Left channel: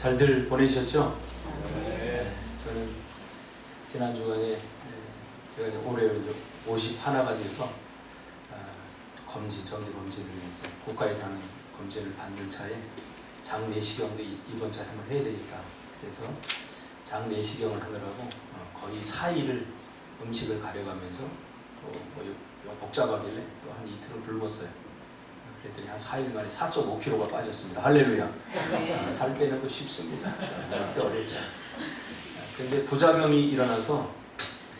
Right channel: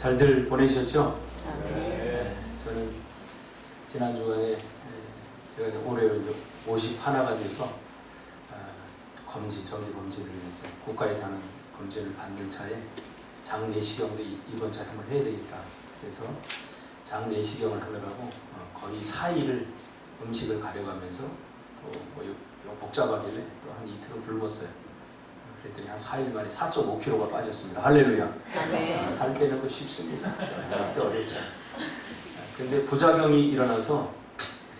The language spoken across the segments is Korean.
잘들 보내셨죠? 네. 저는 지난 주간에 제가 이제 올해 51가 돼서 정기 검진을 이제 국가에서 하는 검진을 받는 차에 장내시경도 이번 차에 한번 해야 되니까, 그래서 장내시경을 하느라고 거의 4일을 음식을 가려가면서 또 복잡하길래 또 한 이틀을 굶었어요. 그랬더니 한 4일 만에 4.5kg가 빠졌습니다. 할렐루야. 네. 살 빼는 거 쉽습니다. 절대 어렵지 않아요. 근데 부작용이 일어나서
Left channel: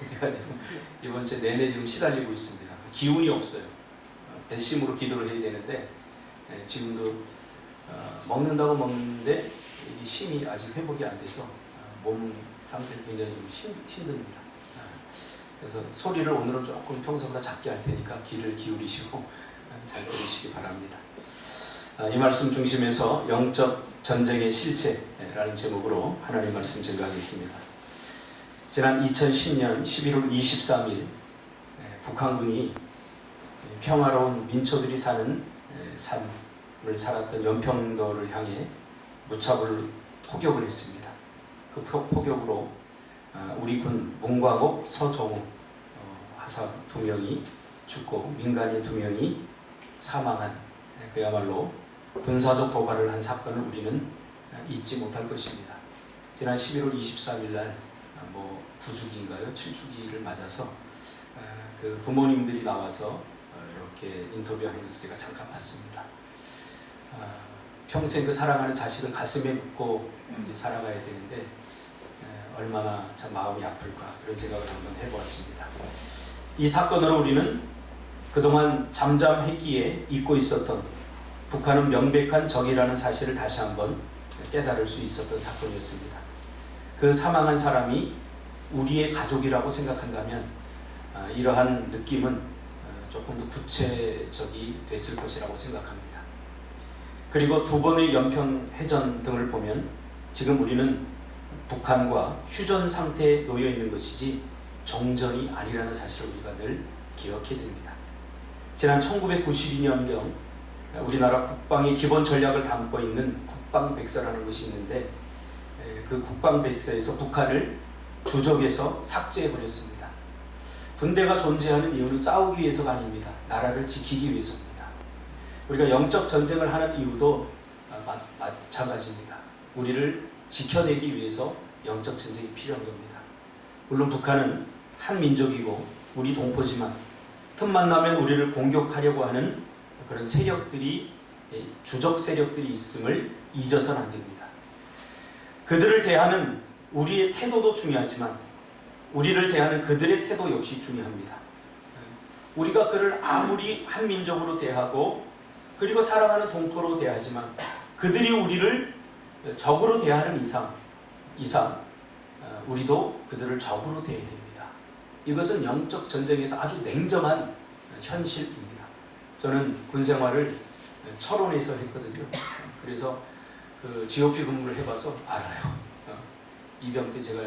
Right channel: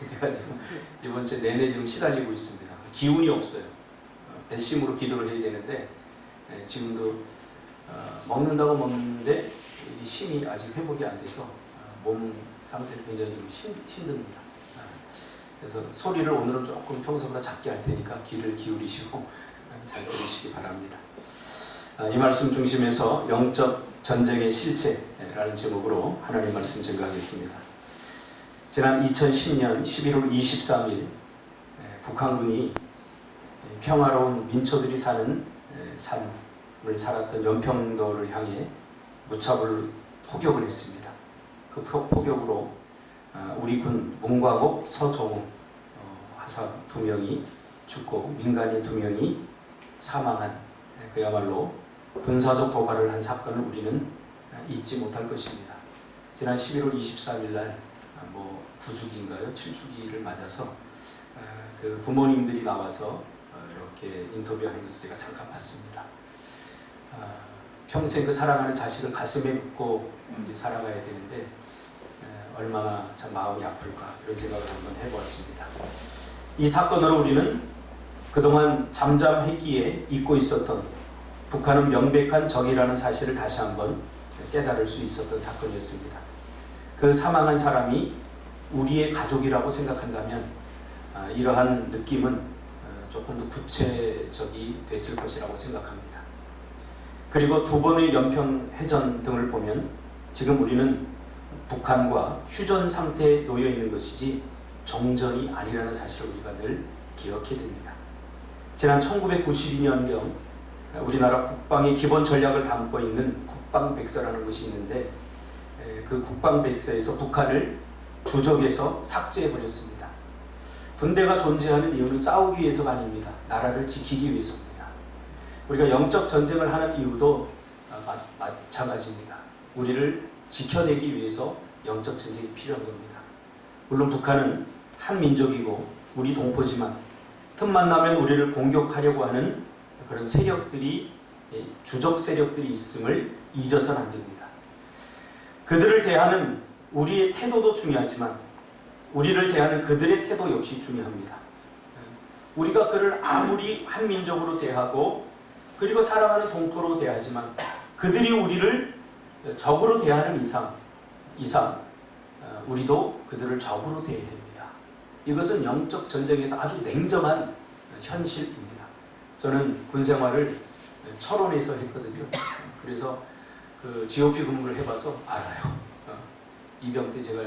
제가 지금 이번 주 내내 지금 시달리고 있습니다. 기운이 없어요. 배심으로 기도를 해야 되는데 지금도 먹는다고 먹는데 이 힘이 아직 회복이 안 돼서 몸 상태를 굉장히 좀 힘듭니다. 그래서 소리를 오늘은 조금 평소보다 작게 할 테니까 귀를 기울이시고 잘 들으시기 바랍니다. 이 말씀 중심에서 영적 전쟁의 실체라는 제목으로 하나님 말씀 증거하겠습니다. 지난 2010년 11월 23일 북한군이 평화로운 민초들이 사는 삶을 살았던 연평도를 향해 무차별 포격을 했습니다. 그 포격으로 우리 군 문과국 서정우 하사 2명이 죽고 민간인 2명이 사망한 그야말로 군사적 도발을 한 사건을 우리는 잊지 못할 것입니다. 지난 11월 23일 날 9주기인가요? 7주기를 맞아서 그 부모님들이 나와서 이렇게 인터뷰하는 것을 제가 잠깐 봤습니다. 평생 그 사랑하는 자식을 가슴에 묻고 이제 살아가야 되는데 얼마나 참 마음이 아플까, 그런 생각을 한번 해보았습니다. 이 사건으로 우리는 그동안 잠잠했기에 잊고 있었던 북한은 명백한 적이라는 사실을 다시 한번 깨달을 수 있었던 사건이었습니다. 그 사망한 사람이 우리의 가족이라고 생각한다면 이러한 느낌은 조금 더 구체적이 됐을 것이라고 생각합니다. 그리고 2번의 연평해전 등을 보면 지금 우리는 북한과 휴전 상태에 놓여 있는 것이지 종전이 아니라는 사실을 우리가 늘 기억해야 됩니다. 지난 1992년경 우리나라 국방의 기본 전략을 담고 있는 국방백서라는 것이 있는데 그 국방백서에서 북한을 주적에서 삭제해버렸습니다. 군대가 존재하는 이유는 싸우기 위해서가 아닙니다. 나라를 지키기 위해서입니다. 우리가 영적 전쟁을 하는 이유도 마찬가지입니다. 우리를 지켜내기 위해서 영적 전쟁이 필요한 겁니다. 물론 북한은 한 민족이고 우리 동포지만 틈만 나면 우리를 공격하려고 하는 그런 세력들이, 주적 세력들이 있음을 잊어서는 안 됩니다. 그들을 대하는 우리의 태도도 중요하지만 우리를 대하는 그들의 태도 역시 중요합니다. 우리가 그를 아무리 한 민족으로 대하고 그리고 사랑하는 동포로 대하지만 그들이 우리를 적으로 대하는 이상 우리도 그들을 적으로 대해야 됩니다. 이것은 영적 전쟁에서 아주 냉정한 현실입니다. 저는 군 생활을 철원에서 했거든요. 그래서 그 GOP 근무를 해봐서 알아요. 이병 때 제가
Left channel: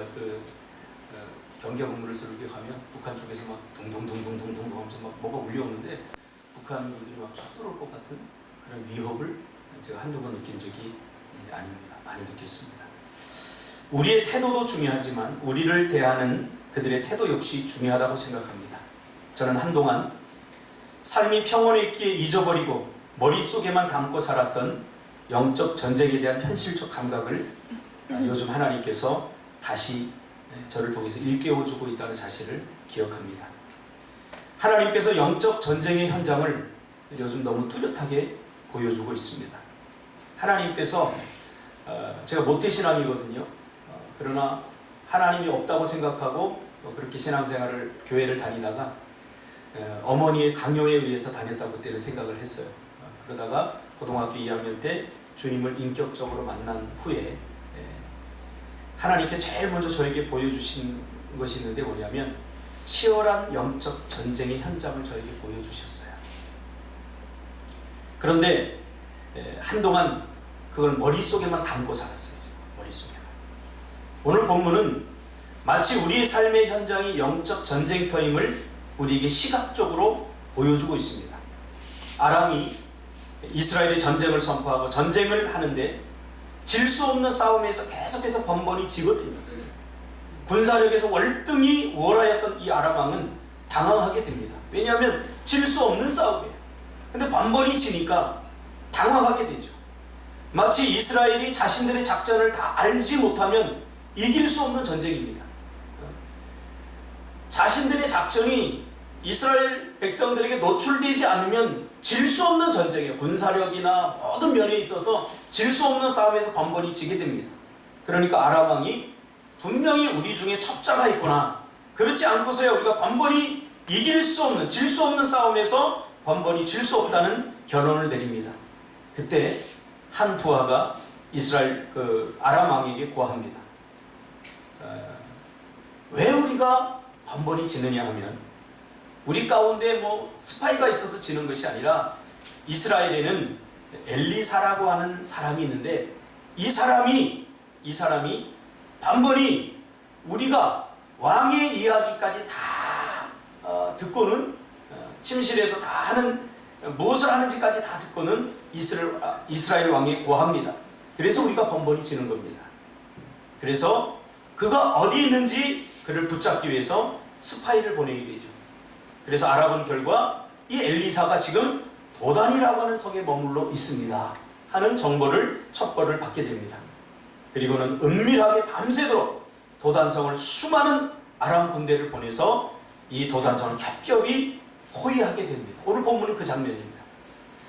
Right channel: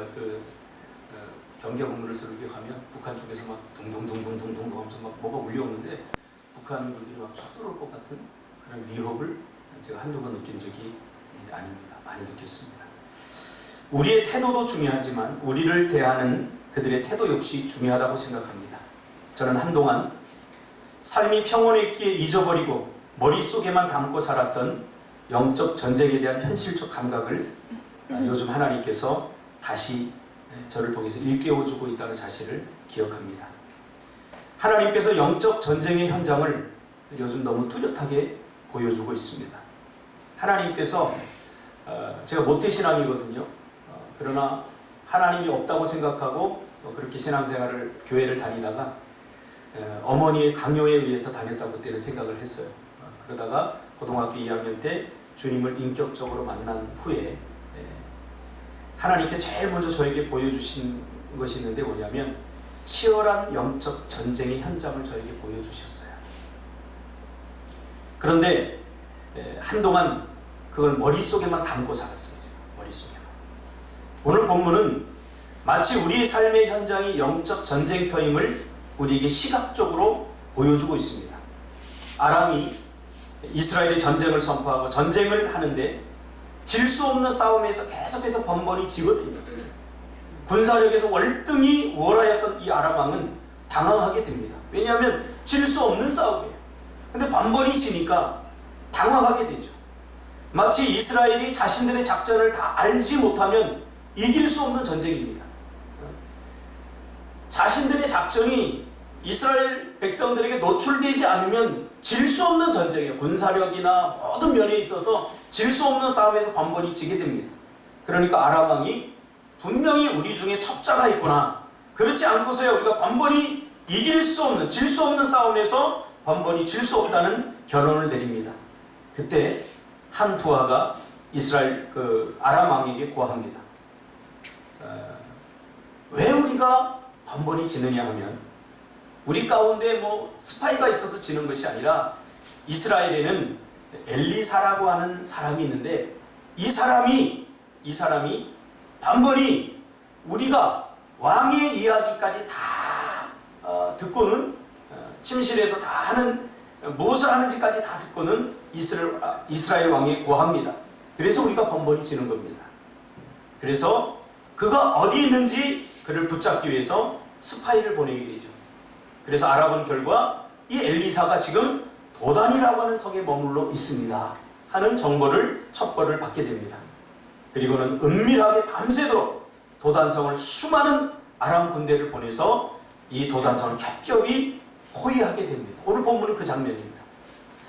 경계 근무를 이렇게 가면 북한 쪽에서 막 둥둥둥둥둥둥 하면서 막 뭐가 울려오는데 북한 분들이 막 쳐들어올 것 같은 그런 위협을 제가 한두 번 느낀 적이 아닙니다. 많이 느꼈습니다. 우리의 태도도 중요하지만 우리를 대하는 그들의 태도 역시 중요하다고 생각합니다. 저는 한동안 삶이 평온해 있기에 잊어버리고 머릿속에만 담고 살았던 영적 전쟁에 대한 현실적 감각을 요즘 하나님께서 다시 저를 통해서 일깨워주고 있다는 사실을 기억합니다. 하나님께서 영적 전쟁의 현장을 요즘 너무 뚜렷하게 보여주고 있습니다. 하나님께서 제가 모태신앙이거든요. 그러나 하나님이 없다고 생각하고 그렇게 신앙생활을 교회를 다니다가 어머니의 강요에 의해서 다녔다고 그때는 생각을 했어요. 그러다가 고등학교 2학년 때 주님을 인격적으로 만난 후에 하나님께 제일 먼저 저에게 보여주신 것이 있는데 뭐냐면 치열한 영적 전쟁의 현장을 저에게 보여주셨어요. 그런데 한동안 그걸 머릿속에만 담고 살았어요. 머릿속에만. 오늘 본문은 마치 우리의 삶의 현장이 영적 전쟁터임을 우리에게 시각적으로 보여주고 있습니다. 아람이 이스라엘의 전쟁을 선포하고 전쟁을 하는데 질 수 없는 싸움에서 계속해서 번번이 지거든요. 군사력에서 월등히 우월하였던 이 아람 왕은 당황하게 됩니다. 왜냐하면 질 수 없는 싸움이에요. 근데 번번이 지니까 당황하게 되죠. 마치 이스라엘이 자신들의 작전을 다 알지 못하면 이길 수 없는 전쟁입니다. 자신들의 작전이 이스라엘 백성들에게 노출되지 않으면 질 수 없는 전쟁이에요. 군사력이나 모든 면에 있어서 질 수 없는 싸움에서 번번이 지게 됩니다. 그러니까 아람 왕이 분명히 우리 중에 첩자가 있구나, 그렇지 않고서야 우리가 번번이 이길 수 없는, 질 수 없는 싸움에서 번번이 질 수 없다는 결론을 내립니다. 그때 한 부하가 이스라엘 아람 왕에게 고합니다. 왜 우리가 번번이 지느냐 하면, 우리 가운데 뭐 스파이가 있어서 지는 것이 아니라 이스라엘에는 엘리사라고 하는 사람이 있는데, 이 사람이 번번이 우리가 왕의 이야기까지 다 듣고는, 침실에서 다 하는, 무엇을 하는지까지 다 듣고는 이스라엘 왕에 고합니다. 그래서 우리가 번번이 지는 겁니다. 그래서 그가 어디 있는지 그를 붙잡기 위해서 스파이를 보내게 되죠. 그래서 아랍은 결과 이 엘리사가 지금 도단이라고 하는 성에 머물러 있습니다 하는 첩보를 받게 됩니다. 그리고는 은밀하게 밤새도록 도단성을 수많은 아람 군대를 보내서 이 도단성을 겹겹이 포위하게 됩니다. 오늘 본문은 그 장면입니다.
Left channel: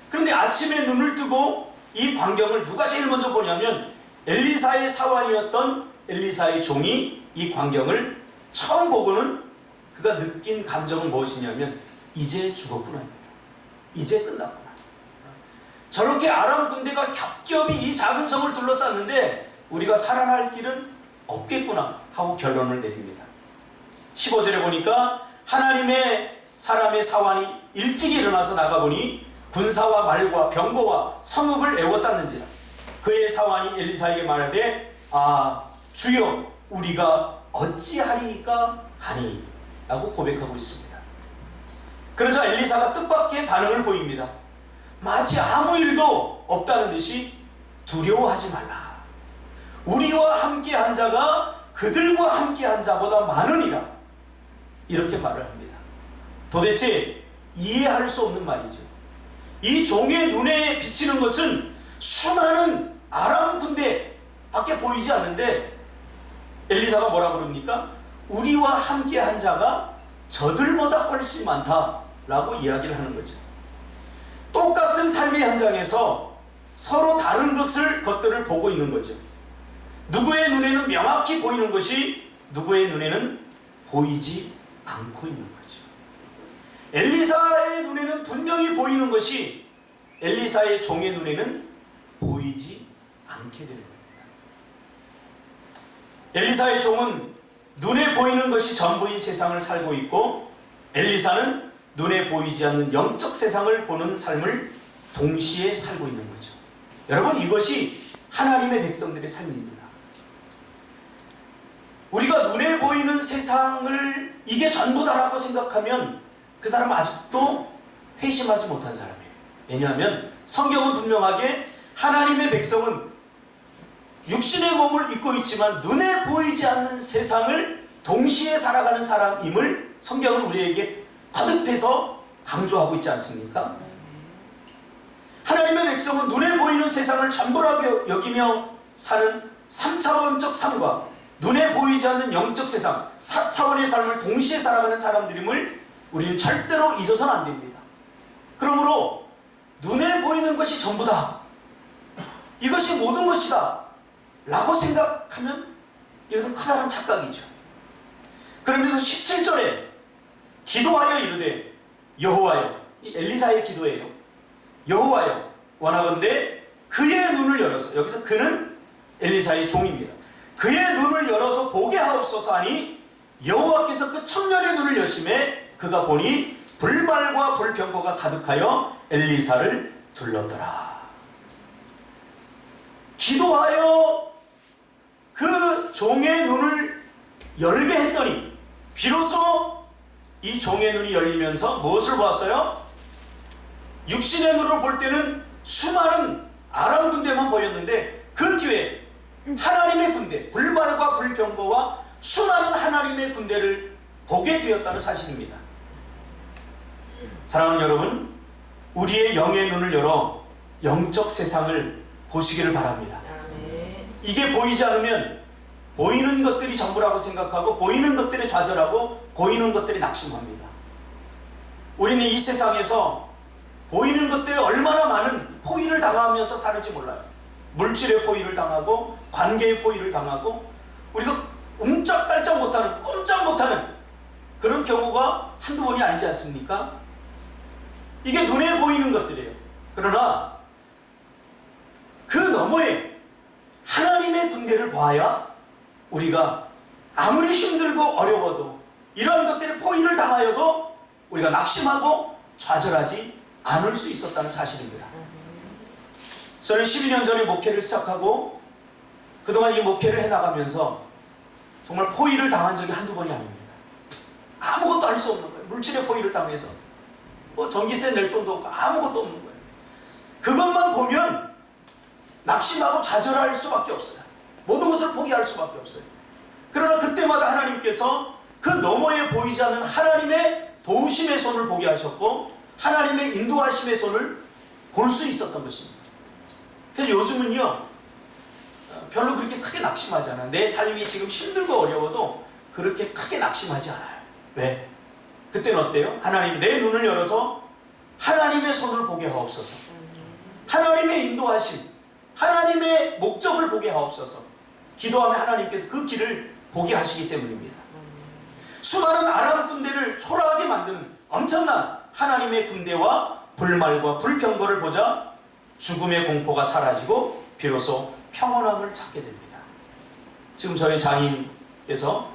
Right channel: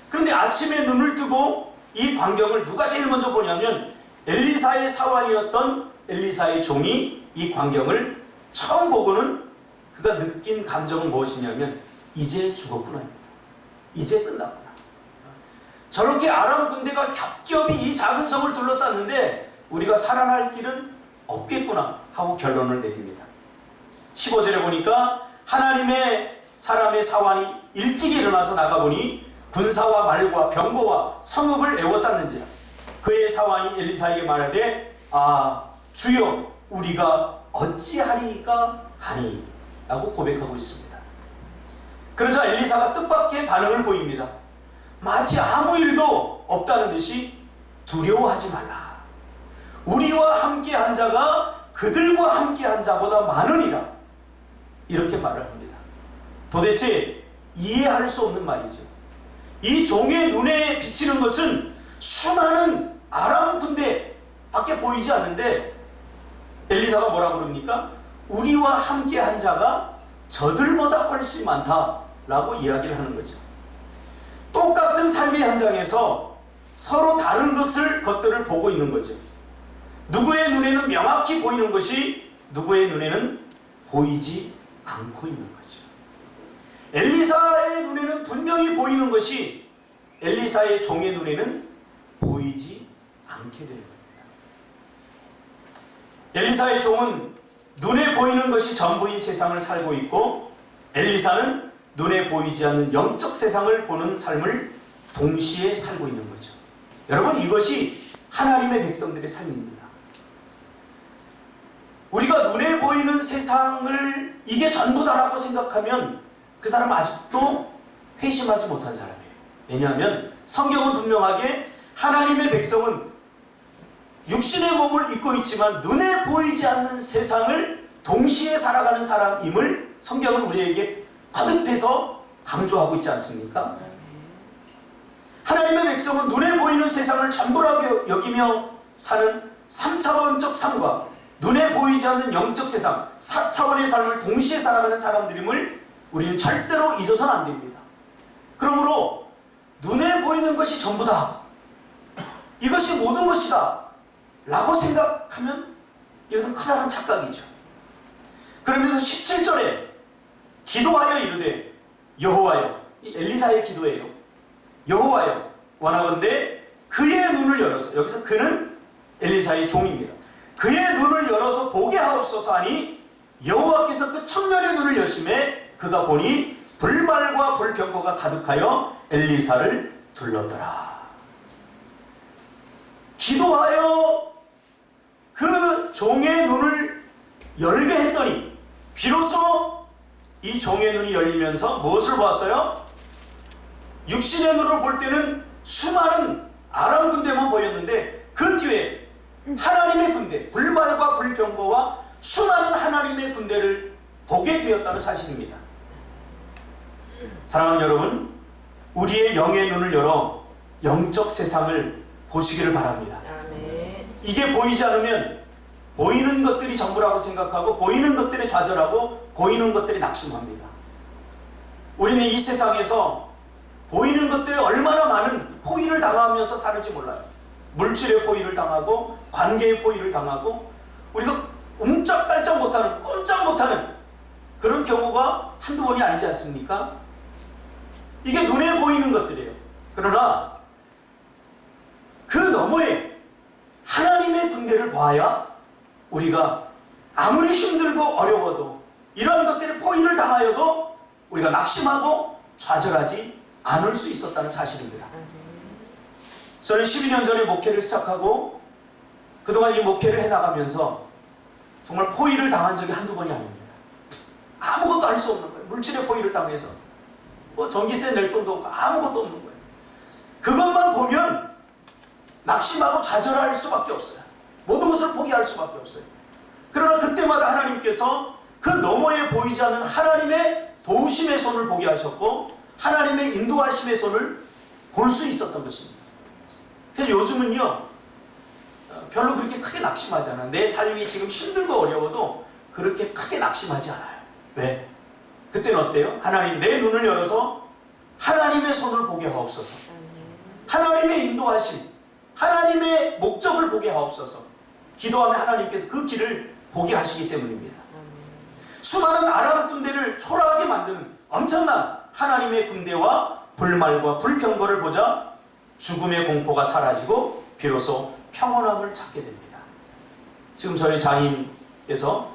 그런데 아침에 눈을 뜨고 이 광경을 누가 제일 먼저 보냐면 엘리사의 사환이었던 엘리사의 종이 이 광경을 처음 보고는 그가 느낀 감정은 무엇이냐면 이제 죽었구나입니다. 이제 끝났구나. 저렇게 아람 군대가 겹겹이 이 작은 성을 둘러쌌는데 우리가 살아날 길은 없겠구나 하고 결론을 내립니다. 15절에 보니까 하나님의 사람의 사환이 일찍이 일어나서 나가보니 군사와 말과 병거와 성읍을 에워쌌는지라. 그의 사환이 엘리사에게 말하되 주여 우리가 어찌하리이까 하니 라고 고백하고 있습니다. 그러자 엘리사가 뜻밖의 반응을 보입니다. 마치 아무 일도 없다는 듯이 두려워하지 말라. 우리와 함께한 자가 그들과 함께한 자보다 많으니라. 이렇게 말을 합니다. 도대체 이해할 수 없는 말이죠. 이 종의 눈에 비치는 것은 수많은 아람 군대 밖에 보이지 않는데 엘리사가 뭐라고 그럽니까? 우리와 함께한 자가 저들보다 훨씬 많다라고 이야기를 하는 거죠. 똑같은 삶의 현장에서 서로 다른 것들을 보고 있는 거죠. 누구의 눈에는 명확히 보이는 것이 누구의 눈에는 보이지 않고 있는 거죠. 엘리사의 눈에는 분명히 보이는 것이 엘리사의 종의 눈에는 보이지 않게 되는 겁니다. 엘리사의 종은 눈에 보이는 것이 전부인 세상을 살고 있고, 엘리사는 눈에 보이지 않는 영적 세상을 보는 삶을 동시에 살고 있는 거죠. 여러분, 이것이 하나님의 백성들의 삶입니다. 우리가 눈에 보이는 세상을 이게 전부다라고 생각하면 그 사람은 아직도 회심하지 못한 사람이에요. 왜냐하면 성경은 분명하게 하나님의 백성은 육신의 몸을 입고 있지만 눈에 보이지 않는 세상을 동시에 살아가는 사람임을 성경은 우리에게 거듭해서 강조하고 있지 않습니까? 하나님의 백성은 눈에 보이는 세상을 전부라고 여기며 사는 3차원적 삶과 눈에 보이지 않는 영적 세상 4차원의 삶을 동시에 살아가는 사람들임을 우리는 절대로 잊어서는 안 됩니다. 그러므로 눈에 보이는 것이 전부다, 이것이 모든 것이다 라고 생각하면 이것은 커다란 착각이죠. 그러면서 17절에 기도하여 이르되 여호와여, 이 엘리사의 기도예요. 여호와여 원하건대 그의 눈을 열어서, 여기서 그는 엘리사의 종입니다. 그의 눈을 열어서 보게 하옵소서 하니 여호와께서 그 청년의 눈을 여심해 그가 보니 불말과 불병거가 가득하여 엘리사를 둘렀더라. 기도하여 그 종의 눈을 열게 했더니 비로소 이 종의 눈이 열리면서 무엇을 보았어요? 육신의 눈으로 볼 때는 수많은 아람 군대만 보였는데 그 뒤에 하나님의 군대, 불말과 불평거와 수많은 하나님의 군대를 보게 되었다는 사실입니다. 사랑하는 여러분, 우리의 영의 눈을 열어 영적 세상을 보시기를 바랍니다. 아멘. 이게 보이지 않으면 보이는 것들이 전부라고 생각하고 보이는 것들에 좌절하고 보이는 것들이 낙심합니다. 우리는 이 세상에서 보이는 것들에 얼마나 많은 포위를 당하면서 사는지 몰라요. 물질의 포위를 당하고 관계의 포위를 당하고 우리가 꼼짝달짝 못하는, 꼼짝 못하는 그런 경우가 한두 번이 아니지 않습니까? 이게 눈에 보이는 것들이에요. 그러나 그 너머에 하나님의 군대를 봐야 우리가 아무리 힘들고 어려워도 이러한 것들에 포위를 당하여도 우리가 낙심하고 좌절하지 않을 수 있었다는 사실입니다. 저는 12년 전에 목회를 시작하고 그동안 이 목회를 해나가면서 정말 포위를 당한 적이 한두 번이 아닙니다. 아무것도 할 수 없는 거예요. 물질의 포위를 당해서 뭐 전기세 낼 돈도 없고 아무것도 없는 거예요. 그것만 보면 낙심하고 좌절할 수밖에 없어요. 모든 것을 포기할 수밖에 없어요. 그러나 그때마다 하나님께서 그 너머에 보이지 않는 하나님의 도우심의 손을 보게 하셨고 하나님의 인도하심의 손을 볼 수 있었던 것입니다. 그래서 요즘은요 별로 그렇게 크게 낙심하지 않아요. 내 삶이 지금 힘들고 어려워도 그렇게 크게 낙심하지 않아요. 왜? 그때는 어때요? 하나님 내 눈을 열어서 하나님의 손을 보게 하옵소서. 하나님의 인도하심, 하나님의 목적을 보게 하옵소서. 기도하면 하나님께서 그 길을 보게 하시기 때문입니다. 수많은 아람 군대를 초라하게 만드는 엄청난 하나님의 군대와 불말과 불평거를 보자 죽음의 공포가 사라지고 비로소 평온함을 찾게 됩니다. 지금 저희 장인께서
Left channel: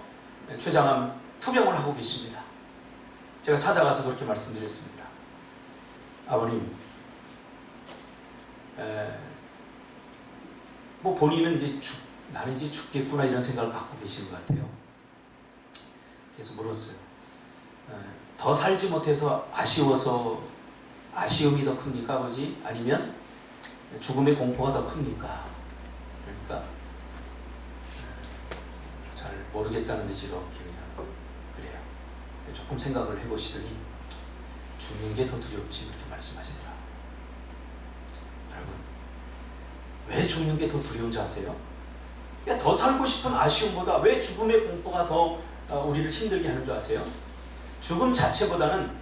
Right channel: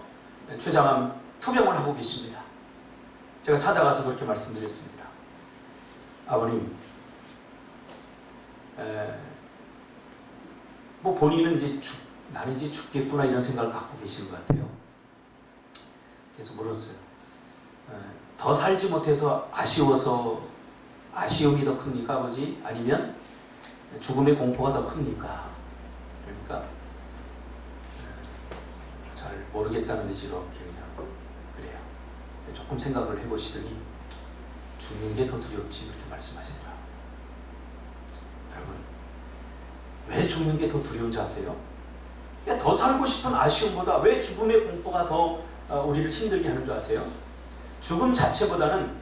췌장암 투병을 하고 계십니다. 제가 찾아가서 그렇게 말씀드렸습니다. 아버님, 뭐 본인은 이제 나는 이제 죽겠구나 이런 생각을 갖고 계시는 것 같아요. 그래서 물었어요. 더 살지 못해서 아쉬워서 아쉬움이 더 큽니까 아버지? 아니면 죽음의 공포가 더 큽니까? 그러니까 잘 모르겠다는 듯이 이렇게 그냥 그래요. 조금 생각을 해보시더니 죽는 게 더 두렵지 그렇게 말씀하시더라고요. 여러분, 왜 죽는 게 더 두려운지 아세요? 더 살고 싶은 아쉬움보다 왜 죽음의 공포가 더 우리를 힘들게 하는 줄 아세요? 죽음 자체보다는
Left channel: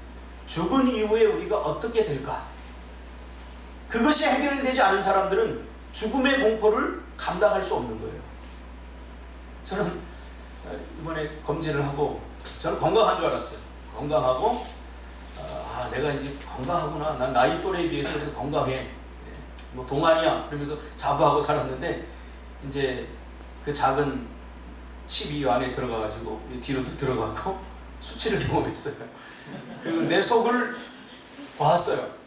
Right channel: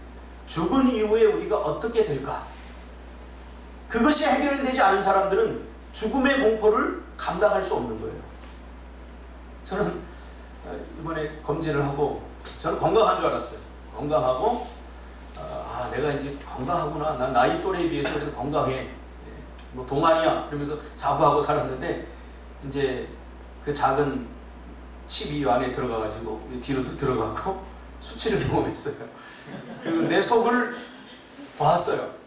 죽은 이후에 우리가 어떻게 될까? 그것이 해결되지 않은 사람들은 죽음의 공포를 감당할 수 없는 거예요. 저는 이번에 검진을 하고 저는 건강한 줄 알았어요. 건강하고 내가 이제 건강하구나. 난 나이 또래에 비해서 그래도 건강해. 뭐 동안이야. 그러면서 자부하고 살았는데 이제 그 작은 칩 이 안에 들어가가지고 뒤로도 들어갔고 수치를 경험했어요. 그리고 내 속을 봤어요.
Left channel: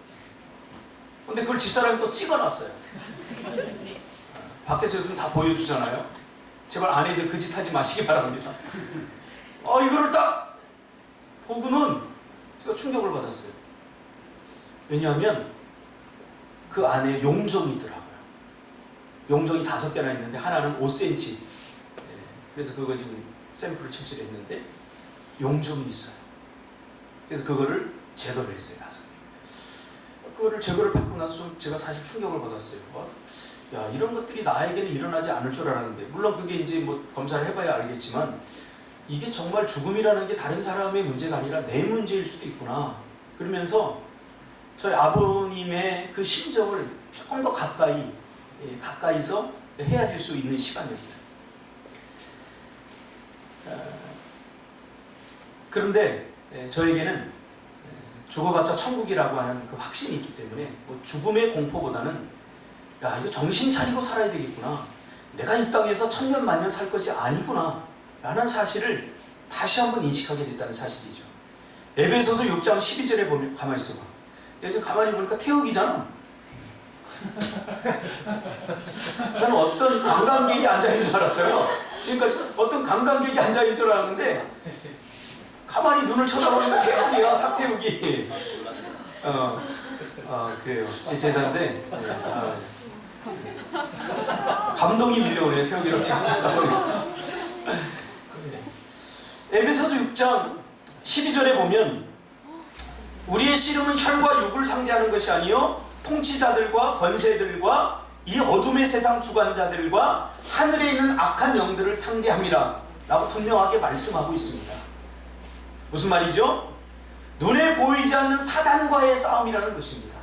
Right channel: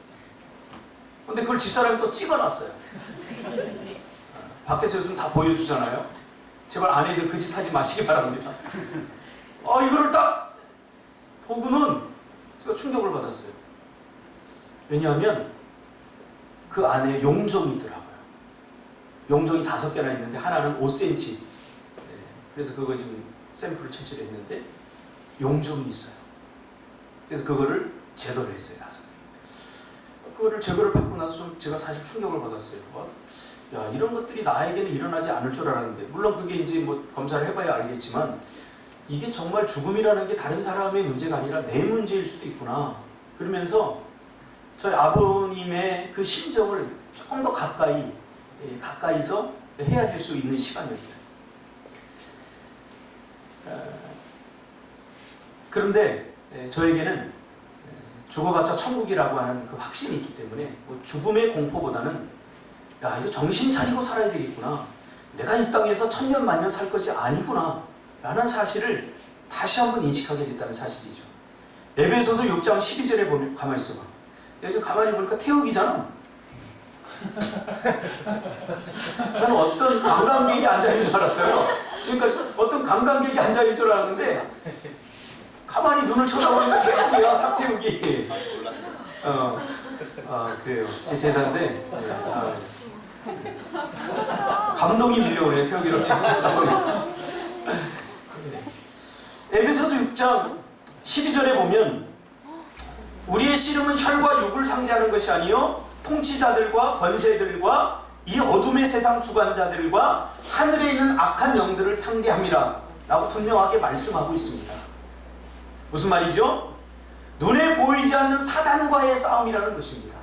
근데 그걸 집사람이 또 찍어놨어요. 밖에서 요즘 다 보여주잖아요. 제발 아내들 그 짓 하지 마시기 바랍니다. 이거를 딱 보고는 제가 충격을 받았어요. 왜냐하면 그 안에 용종이 있더라고요. 용종이 5개나 있는데 하나는 5cm. 그래서 그거 지금 샘플을 채취를 했는데 용종이 있어요. 그래서 그거를 제거를 했어요. 5개. 그거를 제거를 받고 나서 좀 제가 사실 충격을 받았어요. 야, 이런 것들이 나에게는 일어나지 않을 줄 알았는데, 물론 그게 이제 뭐 검사를 해봐야 알겠지만 이게 정말 죽음이라는 게 다른 사람의 문제가 아니라 내 문제일 수도 있구나. 그러면서 저희 아버님의 그 심정을 조금 더 가까이서 헤아릴 수 있는 시간이었어요. 그런데 저에게는 죽어봤자 천국이라고 하는 그 확신이 있기 때문에 뭐 죽음의 공포보다는 야, 이거 정신 차리고 살아야 되겠구나. 내가 이 땅에서 천년 만년 살 것이 아니구나 라는 사실을 다시 한번 인식하게 됐다는 사실이죠. 에베소서 6장 12절에 보면 가만히 있어봐. 지금 가만히 보니까 태욱이잖아. 나는 어떤 관광객이 앉아있는 줄 알았어요. 지금까지 어떤 관광객이 앉아있는 줄 알았는데 가만히 눈을 쳐다보니까 태욱이야. 탁태욱이. 그래요. 제 제자인데 감동이 밀려오네요. 표기로 지금. 에베소서 6장 12절에 보면 우리의 씨름은 혈과 육을 상대하는 것이 아니요 통치자들과 권세들과 이 어둠의 세상 주관자들과 하늘에 있는 악한 영들을 상대함이라 라고 분명하게 말씀하고 있습니다. 무슨 말이죠? 눈에 보이지 않는 사단과의 싸움이라는 것입니다.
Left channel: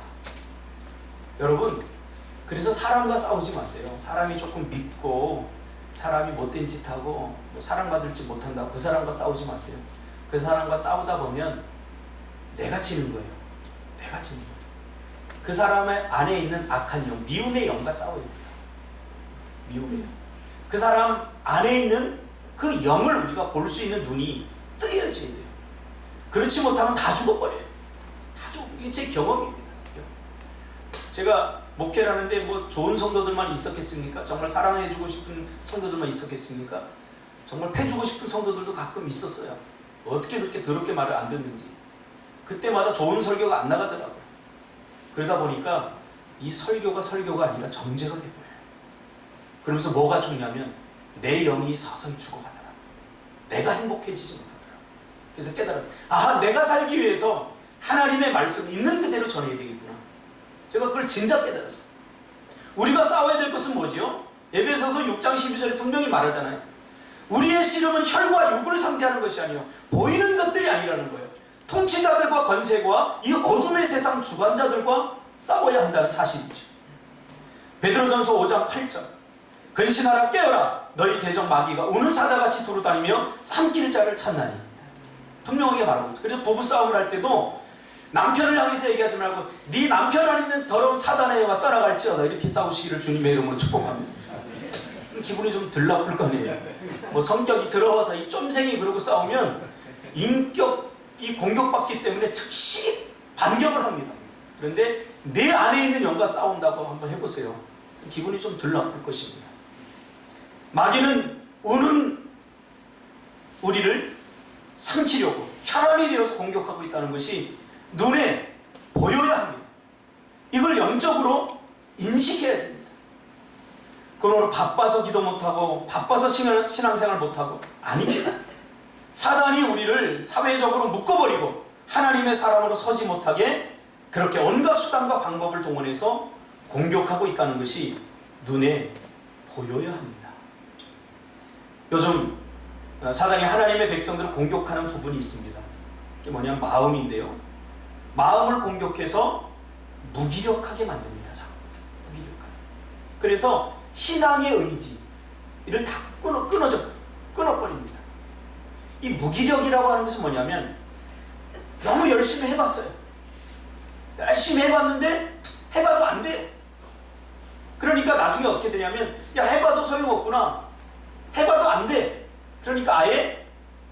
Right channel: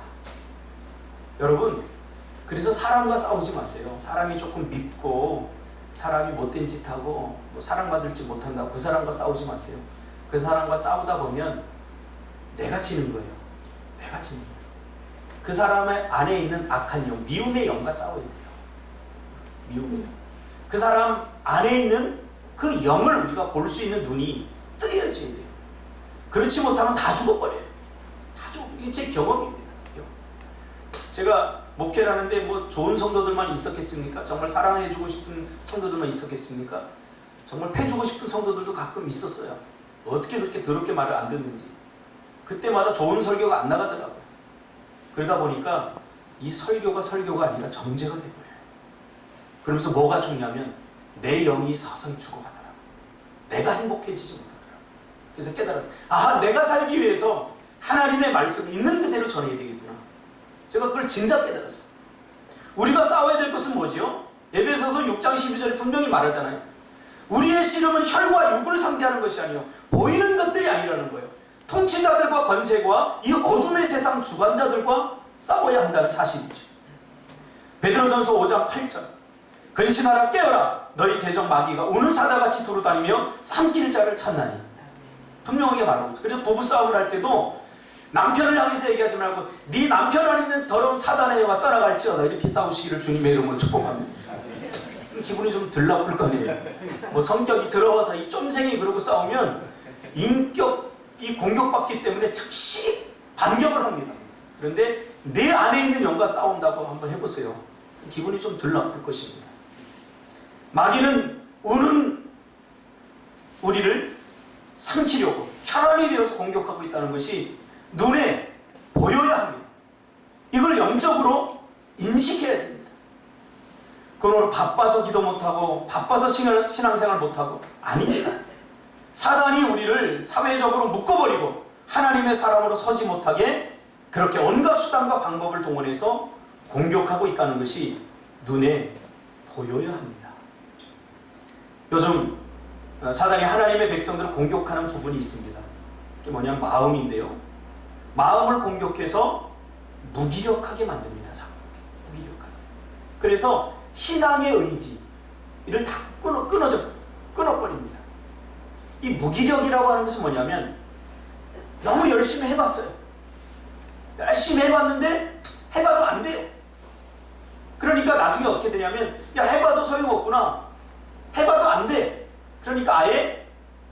여러분, 그래서 사람과 싸우지 마세요. 사람이 조금 밉고 사람이 못된 짓하고 뭐 사랑받을지 못한다고 그 사람과 싸우지 마세요. 그 사람과 싸우다 보면 내가 지는 거예요. 내가 지는 거예요. 그 사람의 안에 있는 악한 영, 미움의 영과 싸워야 돼요. 미움의 영. 그 사람 안에 있는 그 영을 우리가 볼 수 있는 눈이 뜨여져야 돼요. 그렇지 못하면 다 죽어버려요. 다 죽어. 이게 제 경험입니다. 제가 목회를 하는데 뭐 좋은 성도들만 있었겠습니까? 정말 사랑해주고 싶은 성도들만 있었겠습니까? 정말 패주고 싶은 성도들도 가끔 있었어요. 어떻게 그렇게 더럽게 말을 안 듣는지. 그때마다 좋은 설교가 안 나가더라고요. 그러다 보니까 이 설교가 아니라 정죄가 돼버려요. 그러면서 뭐가 중요하면 내 영이 서서히 죽어가더라. 내가 행복해지지 못하더라. 그래서 깨달았어요. 아, 내가 살기 위해서 하나님의 말씀 있는 그대로 전해야 되겠구나. 제가 그걸 진짜 깨달았어요. 우리가 싸워야 될 것은 뭐지요? 에베소서 6장 12절에 분명히 말하잖아요. 우리의 씨름은 혈과 육을 상대하는 것이 아니요 보이는 것들이 아니라는 거예요. 통치자들과 권세과 이 어둠의 세상 주관자들과 싸워야 한다는 사실이죠. 베드로전서 5장 8절 근신하라 깨어라 너희 대적 마귀가 우는 사자같이 두루다니며 삼킬 자를 찾나니. 분명하게 말하고 있죠. 그래서 부부싸움을 할 때도 남편을 향해서 얘기하지 말고 네 남편 안에 있는 더러운 사단의 영아 떠나갈지어다 이렇게 싸우시기를 주님의 이름으로 축복합니다. 기분이 좀 덜 나쁠 거 아니에요. 뭐 성격이 들어와서 이 쫌생이 그러고 싸우면 인격이 공격받기 때문에 즉시 반격을 합니다. 그런데 내 안에 있는 영과 싸운다고 한번 해보세요. 기분이 좀 덜 나쁠 것입니다. 마귀는 우는 우리를 삼키려고 혈안이 되어서 공격하고 있다는 것이 눈에 보여야 합니다. 이걸 영적으로 인식해야 됩니다. 그러므로 바빠서 기도 못하고 바빠서 신앙생활 못하고 아닙니다. 사단이 우리를 사회적으로 묶어버리고 하나님의 사람으로 서지 못하게 그렇게 온갖 수단과 방법을 동원해서 공격하고 있다는 것이 눈에 보여야 합니다. 요즘 사단이 하나님의 백성들을 공격하는 부분이 있습니다. 그게 뭐냐면 마음인데요. 마음을 공격해서 무기력하게 만듭니다. 무기력하게. 그래서 신앙의 의지를 다 끊어버립니다. 이 무기력이라고 하는 것은 뭐냐면 너무 열심히 해봤어요. 열심히 해봤는데 해봐도 안 돼요. 그러니까 나중에 어떻게 되냐면 야 해봐도 소용없구나. 해봐도 안 돼. 그러니까 아예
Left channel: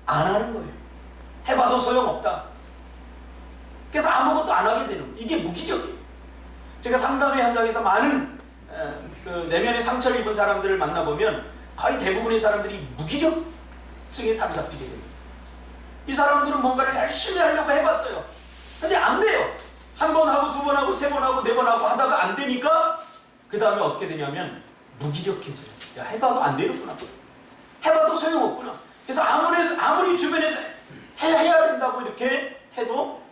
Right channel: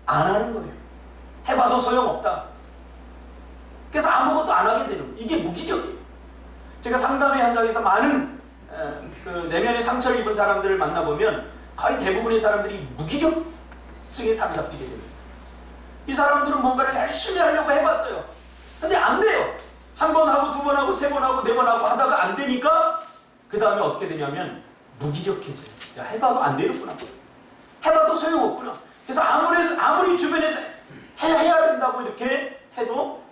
안 하는 거예요. 해봐도 소용없다. 그래서 아무것도 안 하게 되는 거예요. 이게 무기력이에요. 제가 상담회 현장에서 많은 그 내면의 상처를 입은 사람들을 만나보면 거의 대부분의 사람들이 무기력증에 사로잡히게 됩니다. 이 사람들은 뭔가를 열심히 하려고 해봤어요. 근데 안 돼요. 한 번 하고 두 번 하고 세 번 하고 네 번 하고 하다가 안 되니까 그 다음에 어떻게 되냐면 무기력해져요. 야 해봐도 안 되겠구나. 해봐도 소용없구나. 그래서 아무리 주변에서 해야 된다고 이렇게 해도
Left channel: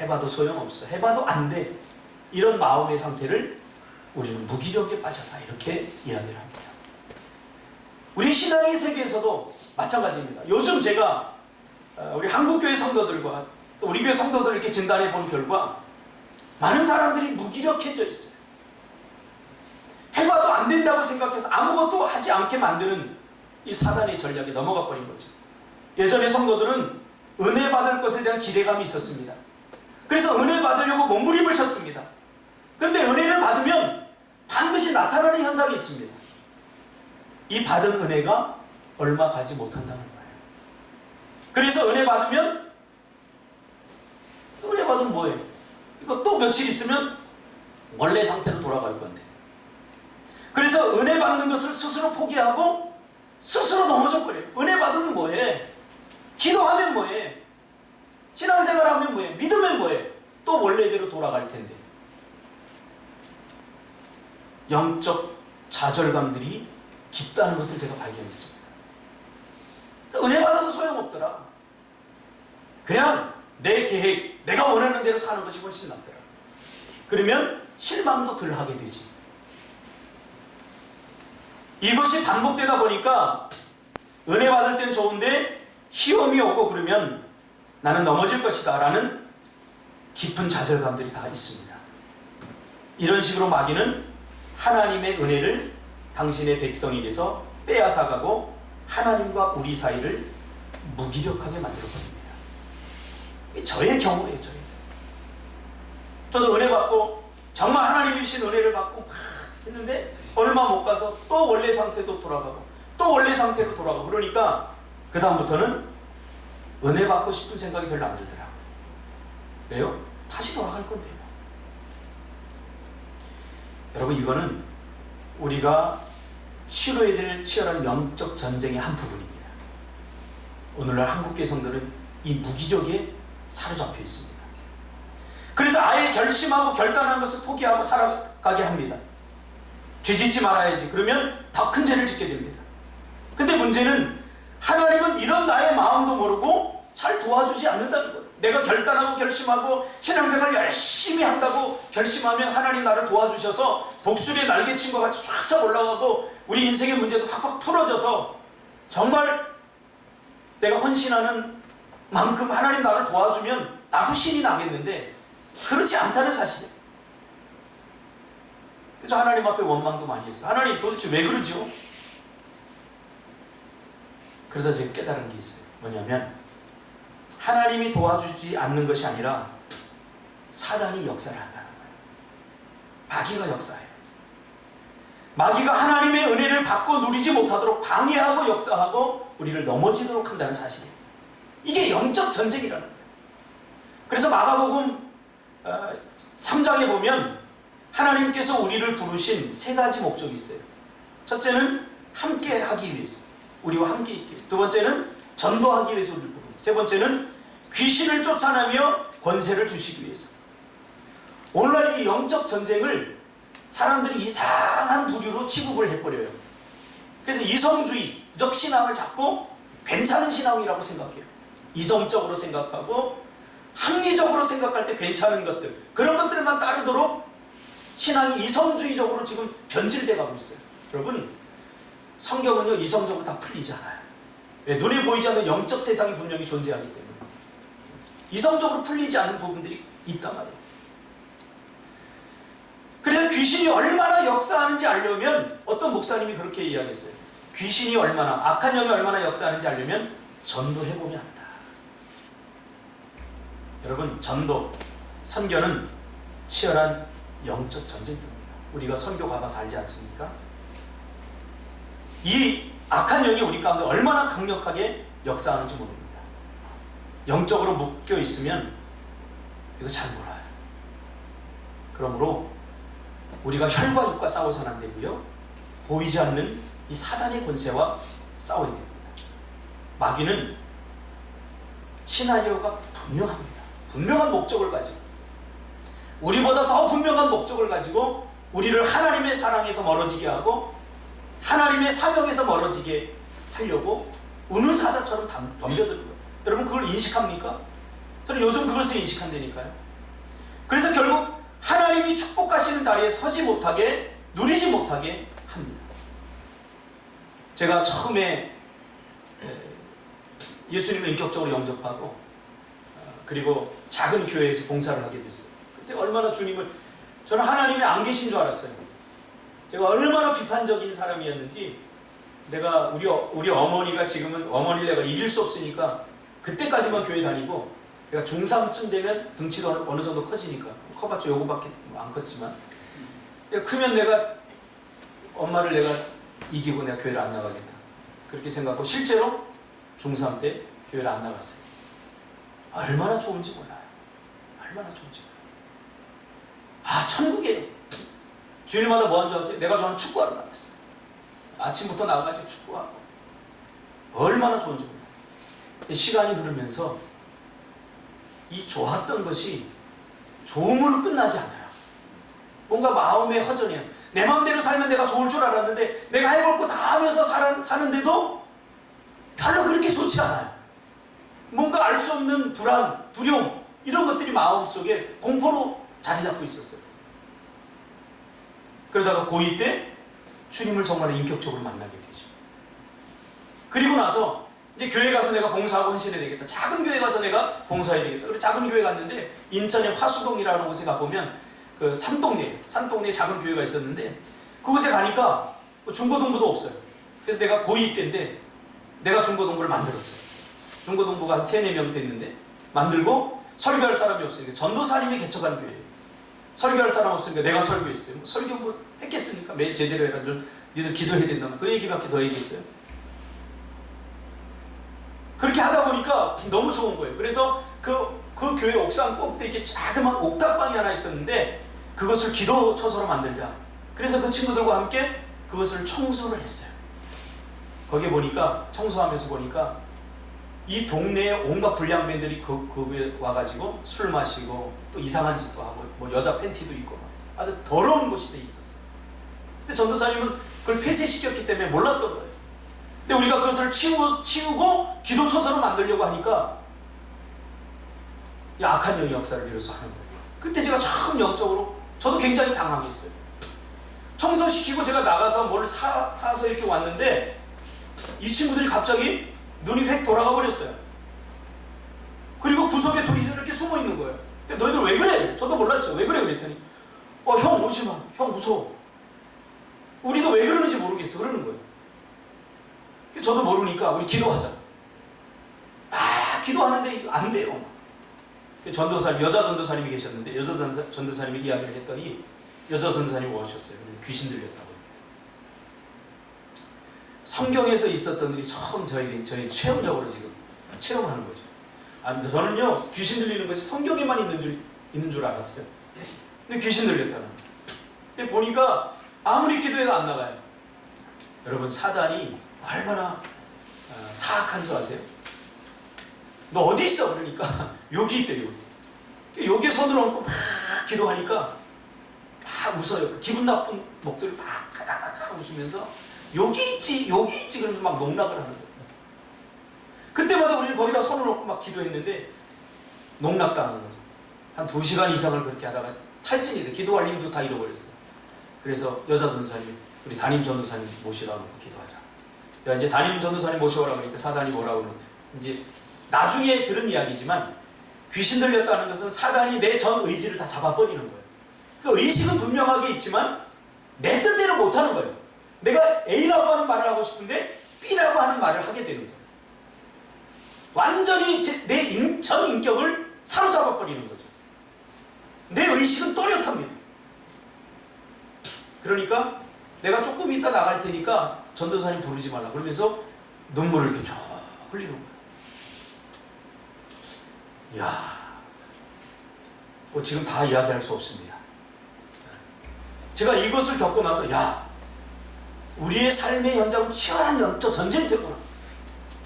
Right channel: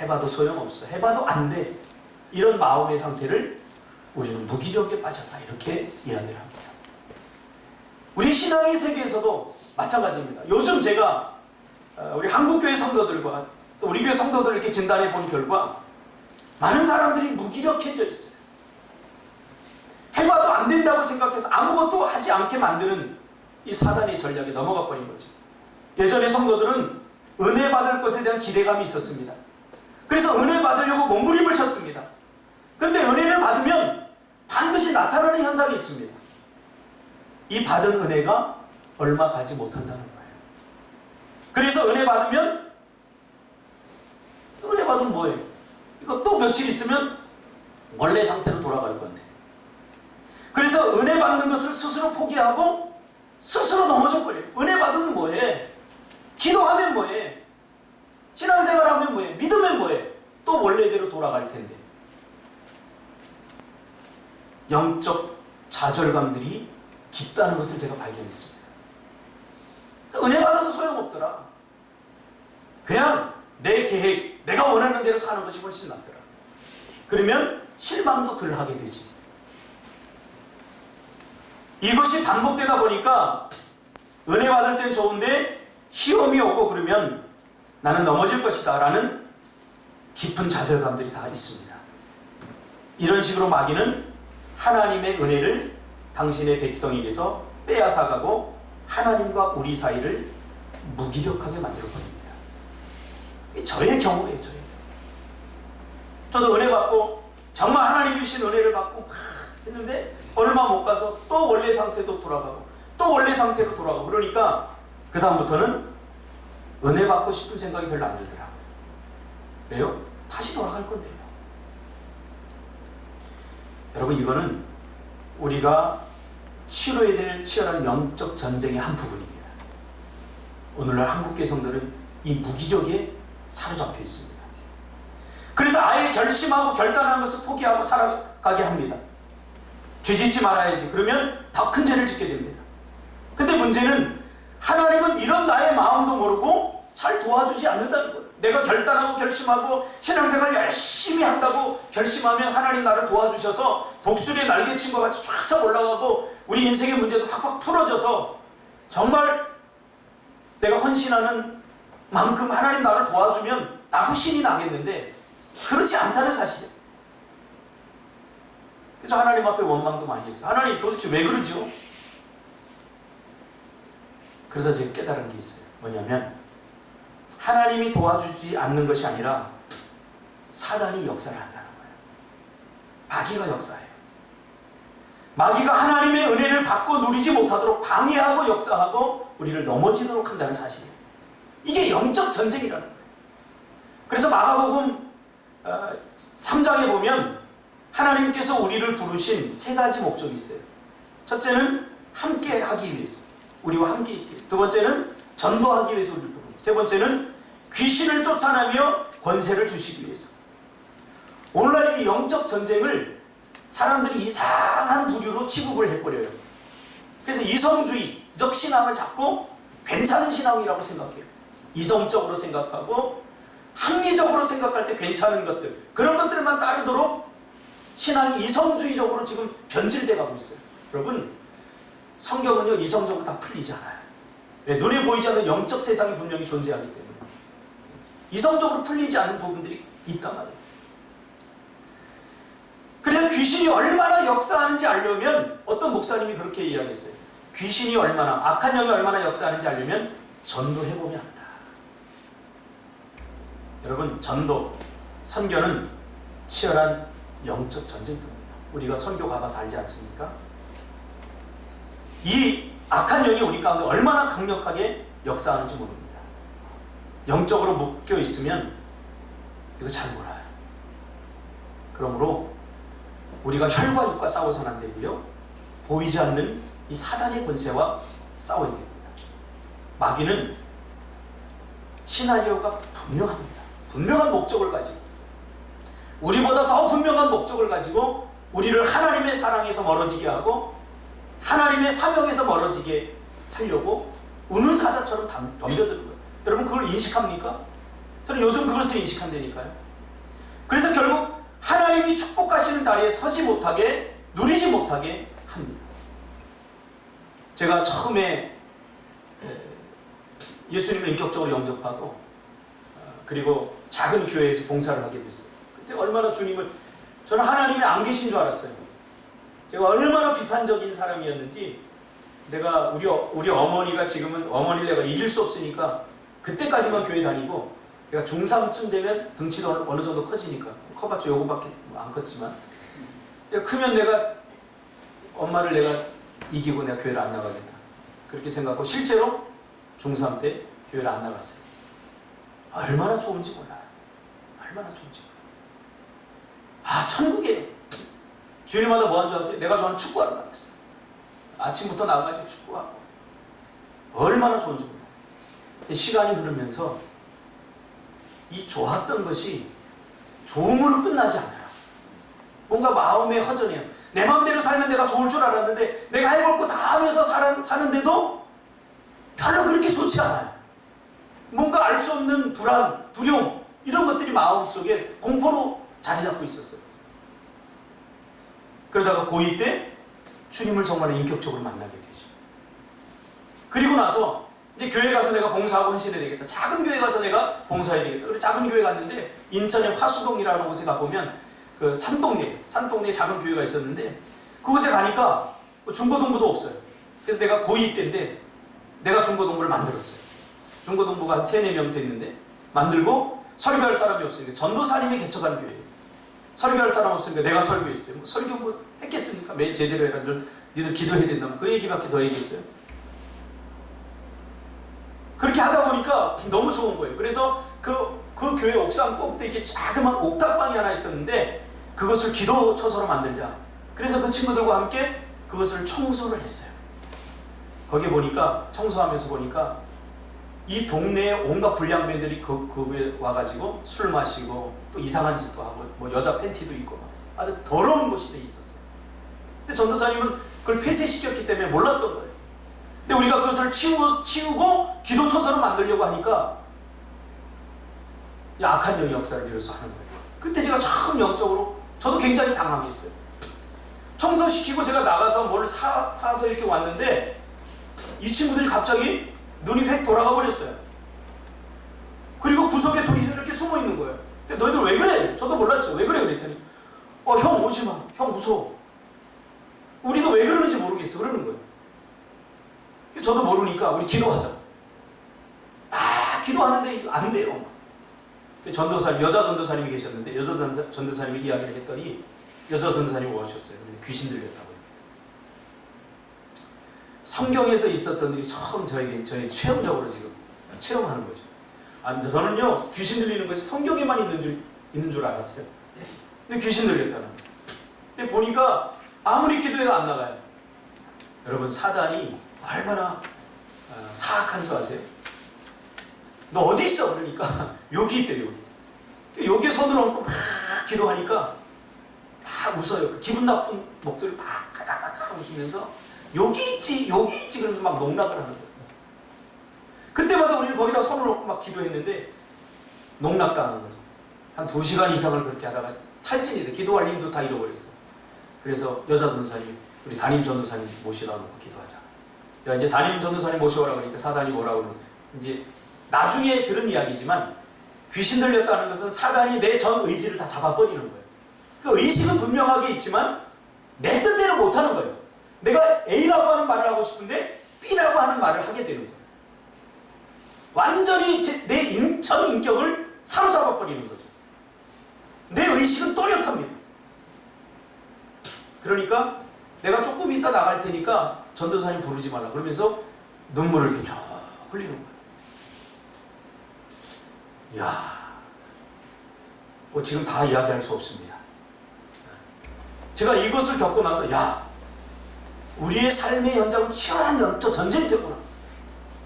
해봐도 소용없어. 해봐도 안 돼. 이런 마음의 상태를 우리는 무기력에 빠졌다. 이렇게 이야기를 합니다. 우리 신앙의 세계에서도 마찬가지입니다. 요즘 제가 우리 한국교회 성도들과 또 우리 교회 성도들을 이렇게 진단해 본 결과 많은 사람들이 무기력해져 있어요. 해봐도 안 된다고 생각해서 아무것도 하지 않게 만드는 이 사단의 전략에 넘어가 버린 거죠. 예전에 성도들은 은혜 받을 것에 대한 기대감이 있었습니다. 그래서 은혜 받으려고 몸부림을 쳤습니다. 그런데 은혜를 받으면 반드시 나타나는 현상이 있습니다. 이 받은 은혜가 얼마 가지 못한다는 거예요. 그래서 은혜 받으면 뭐예요? 이거 또 며칠 있으면 원래 상태로 돌아갈 건데. 그래서 은혜 받는 것을 스스로 포기하고 스스로 넘어져 버려요. 은혜 받으면 뭐해? 기도하면 뭐해? 신앙생활하면 뭐해? 믿으면 뭐해? 또 원래대로 돌아갈 텐데. 영적 좌절감들이 깊다는 것을 제가 발견했습니다. 은혜 받아도 소용없더라. 그냥 내 계획, 내가 원하는 대로 사는 것이 훨씬 낫더라. 그러면 실망도 덜 하게 되지. 이것이 반복되다 보니까 은혜 받을 땐 좋은데 시험이 오고 그러면 나는 넘어질 것이다 라는 깊은 좌절감들이 다 있습니다. 이런 식으로 마귀는 하나님의 은혜를 당신의 백성에게서 빼앗아가고 하나님과 우리 사이를 무기력하게 만들어버립니다. 저의 경우예요. 저도 은혜 받고 정말 하나님이 주신 은혜를 받고 막 했는데 얼마 못 가서 또 원래 상태도 돌아가고 또 원래 상태로 돌아가고 그러니까 그 다음부터는 은혜 받고 싶은 생각이 별로 안 들더라고요. 왜요? 다시 돌아갈 건데요. 여러분, 이거는 우리가 치러야 될 치열한 영적 전쟁의 한 부분입니다. 오늘날 한국교회 성도는 이 무기력에 사로잡혀 있습니다. 그래서 아예 결심하고 결단한 것을 포기하고 살아가게 합니다. 죄 짓지 말아야지. 그러면 더 큰 죄를 짓게 됩니다. 근데 문제는 하나님은 이런 나의 마음도 모르고 잘 도와주지 않는다는 거예요. 내가 결단하고 결심하고 신앙생활 열심히 한다고 결심하면 하나님 나를 도와주셔서 독수리에 날개친 것 같이 쫙쫙 올라가고 우리 인생의 문제도 확확 풀어져서 정말 내가 헌신하는 만큼 하나님 나를 도와주면 나도 신이 나겠는데 그렇지 않다는 사실이에요. 그래서 하나님 앞에 원망도 많이 했어요. 하나님 도대체 왜 그러죠? 그러다 제가 깨달은 게 있어요. 뭐냐면 하나님이 도와주지 않는 것이 아니라 사단이 역사를 한다는 거예요. 마귀가 역사해요. 마귀가 하나님의 은혜를 받고 누리지 못하도록 방해하고 역사하고 우리를 넘어지도록 한다는 사실이에요. 이게 영적 전쟁이라는 거예요. 그래서 마가복음 3장에 보면 하나님께서 우리를 부르신 세 가지 목적이 있어요. 첫째는 함께 하기 위해서, 우리와 함께 있기. 두 번째는 전도하기 위해서 우리를 부르고, 세 번째는 귀신을 쫓아내며 권세를 주시기 위해서. 오늘날 이 영적 전쟁을 사람들이 이상한 부류로 치부를 해버려요. 그래서 이성주의적 신앙을 잡고 괜찮은 신앙이라고 생각해요. 이성적으로 생각하고 합리적으로 생각할 때 괜찮은 것들, 그런 것들만 따르도록 신앙이 이성주의적으로 지금 변질돼 가고 있어요. 여러분, 성경은요 이성적으로 다 풀리지 않아요. 왜? 눈에 보이지 않는 영적 세상이 분명히 존재하기 때문에 이성적으로 풀리지 않은 부분들이 있단 말이에요. 그래서 귀신이 얼마나 역사하는지 알려면, 어떤 목사님이 그렇게 이야기했어요. 귀신이 얼마나, 악한 영이 얼마나 역사하는지 알려면 전도해보면 합니다. 여러분, 전도, 선교는 치열한 영적 전쟁터입니다. 우리가 선교 가봐서 알지 않습니까? 이 악한 영이 우리 가운데 얼마나 강력하게 역사하는지 모릅니다. 영적으로 묶여 있으면 이거 잘 몰라요. 그러므로 우리가 혈과 육과 싸워서는 안 되고요, 보이지 않는 이 사단의 권세와 싸워야 됩니다. 마귀는 시나리오가 분명합니다. 분명한 목적을 가지고, 우리보다 더 분명한 목적을 가지고 우리를 하나님의 사랑에서 멀어지게 하고 하나님의 사명에서 멀어지게 하려고 우는 사자처럼 덤벼드는 거예요. 여러분, 그걸 인식합니까? 저는 요즘 그것을 인식한다니까요. 그래서 결국 하나님이 축복하시는 자리에 서지 못하게, 누리지 못하게 합니다. 제가 처음에 예수님을 인격적으로 영접하고 그리고 작은 교회에서 봉사를 하게 됐어요. 그때 얼마나 주님을, 저는 하나님이 안 계신 줄 알았어요. 제가 얼마나 비판적인 사람이었는지, 내가 우리 어머니가 지금은 어머니를 내가 이길 수 없으니까 그때까지만 교회 다니고, 내가 중3쯤 되면 등치도 어느 정도 커지니까, 커봤자 요거밖에 안 컸지만, 크면 내가 엄마를 내가 이기고 내가 교회를 안 나가겠다, 그렇게 생각하고 실제로 중3 때 교회를 안 나갔어요. 얼마나 좋은지 몰라요. 얼마나 좋은지 몰라요. 아, 천국이에요. 주일마다 뭐 하는 줄 아세요? 내가 좋아하는 축구하러 나갔어요. 아침부터 나가가지고 축구하고. 얼마나 좋은지 몰라요. 시간이 흐르면서 이 좋았던 것이 좋음으로 끝나지 않더라고요. 뭔가 마음의 허전해요. 내 마음대로 살면 내가 좋을 줄 알았는데 내가 해볼 거 다 하면서 사는데도 별로 그렇게 좋지 않아요. 뭔가 알 수 없는 불안, 두려움 이런 것들이 마음속에 공포로 자리 잡고 있었어요. 그러다가 고2 때 주님을 정말 인격적으로 만나게 되죠. 그리고 나서 이제 교회 가서 내가 봉사하고 헌신해야 되겠다. 작은 교회 가서 내가 봉사해야 되겠다. 그래서 작은 교회 갔는데 인천의 화수동이라는 곳에 가보면 그 산동네 작은 교회가 있었는데 그곳에 가니까 중고등부도 없어요. 그래서 내가 고2 때인데 내가 중고등부를 만들었어요. 중고등부가 한 3, 4명 됐는데 만들고 설교할 사람이 없으니까 전도사님이 개척한 교회예요. 설교할 사람 없으니까 내가 설교했어요. 설교 뭐 했겠습니까? 매일 제대로 해라. 니들 기도해야 된다면 그 얘기밖에 더 얘기했어요. 그렇게 하다 보니까 너무 좋은 거예요. 그래서 그 교회 옥상 꼭대기에 자그마한 옥탑방이 하나 있었는데 그것을 기도처소로 만들자. 그래서 그 친구들과 함께 그것을 청소를 했어요. 거기 보니까 청소하면서 보니까 이 동네에 온갖 불량배들이 그에 와가지고 술 마시고 또 이상한 짓도 하고 뭐 여자 팬티도 입고 아주 더러운 곳이 돼 있었어요. 근데 전도사님은 그걸 폐쇄시켰기 때문에 몰랐던 거예요. 근데 우리가 그것을 치우고 기도초소로 만들려고 하니까 악한 영의 역사를 비로소 하는 거예요. 그때 제가 처음 영적으로 저도 굉장히 당황했어요. 청소시키고 제가 나가서 뭘 사서 이렇게 왔는데 이 친구들이 갑자기 눈이 획 돌아가 버렸어요. 그리고 구석에 둘이 이렇게 숨어 있는 거예요. 너희들 왜 그래? 저도 몰랐죠. 왜 그래? 그랬더니 형 오지 마. 형 무서워. 우리도 왜 그러는지 모르겠어. 그러는 거예요. 저도 모르니까 우리 기도하자. 기도하는데 이거 안 돼요. 전도사님, 여자 전도사님이 계셨는데 여자 전도사님이 이야기를 했더니 여자 전도사님이 오셨어요. 귀신 들렸다고. 성경에서 있었던 일이 처음 저희 체험적으로 지금 체험하는 거죠. 저는요 귀신 들리는 것이 성경에만 있는 줄 알았어요. 근데 귀신 들렸다는 거예요. 근데 보니까 아무리 기도해도 안 나가요. 여러분 사단이 얼마나 사악한 줄 아세요? 너 어디 있어? 그러니까 여기 있대요. 여기에 손을 얹고 막 기도하니까 막 웃어요. 그 기분 나쁜 목소리 막 가닥가닥 웃으면서 여기 있지 그러면서 막 농락을 하는 거예요. 그때마다 우리는 거기다 손을 얹고 막 기도했는데 농락당하는 거죠. 한 2시간 이상을 그렇게 하다가 탈진이 돼. 기도할 힘도 다 잃어버렸어요. 그래서 여자 전도사님, 우리 담임 전도사님 모시다 놓고 기도하자. 야, 이제 담임 전도사님 모셔오라 그러니까 사단이 뭐라고 그러면 이제 나중에 들은 이야기지만 귀신 들렸다는 것은 사단이 내 전 의지를 다 잡아버리는 거예요. 그 의식은 분명하게 있지만 내 뜻대로 못하는 거예요. 내가 A라고 하는 말을 하고 싶은데 B라고 하는 말을 하게 되는 거예요. 완전히 내 전 인격을 사로잡아버리는 거죠. 내 의식은 또렷합니다. 그러니까 내가 조금 이따 나갈 테니까 전도사님 부르지 말라 그러면서 눈물을 이렇게 쫙 흘리는 거예요. 이야, 지금 다 이야기할 수 없습니다. 제가 이것을 겪고 나서 우리의 삶의 현장은 치열한 영적 전쟁터구나.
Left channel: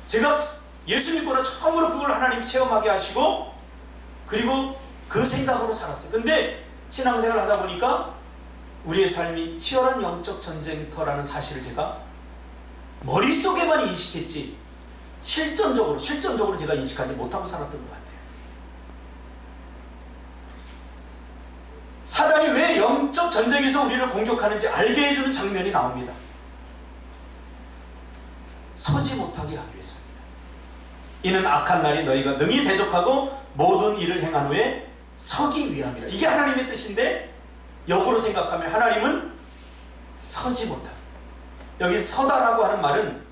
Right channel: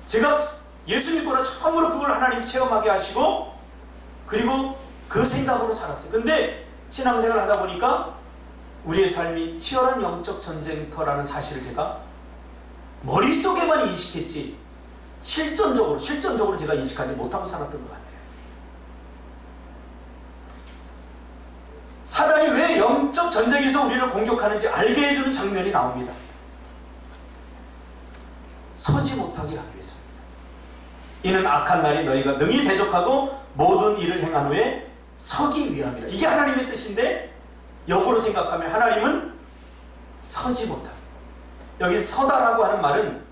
제가 예수 믿고나 처음으로 그걸 하나님이 체험하게 하시고 그리고 그 생각으로 살았어요. 근데 신앙생활을 하다 보니까 우리의 삶이 치열한 영적 전쟁터라는 사실을 제가 머릿속에만 인식했지 실전적으로 제가 인식하지 못하고 살았던 것 같아요. 사단이 왜 영적 전쟁에서 우리를 공격하는지 알게 해주는 장면이 나옵니다. 서지 못하게 하기 위해서입니다. 이는 악한 날이 너희가 능히 대적하고 모든 일을 행한 후에 서기 위함이라. 이게 하나님의 뜻인데 역으로 생각하면 하나님은 서지 못하게. 여기 서다라고 하는 말은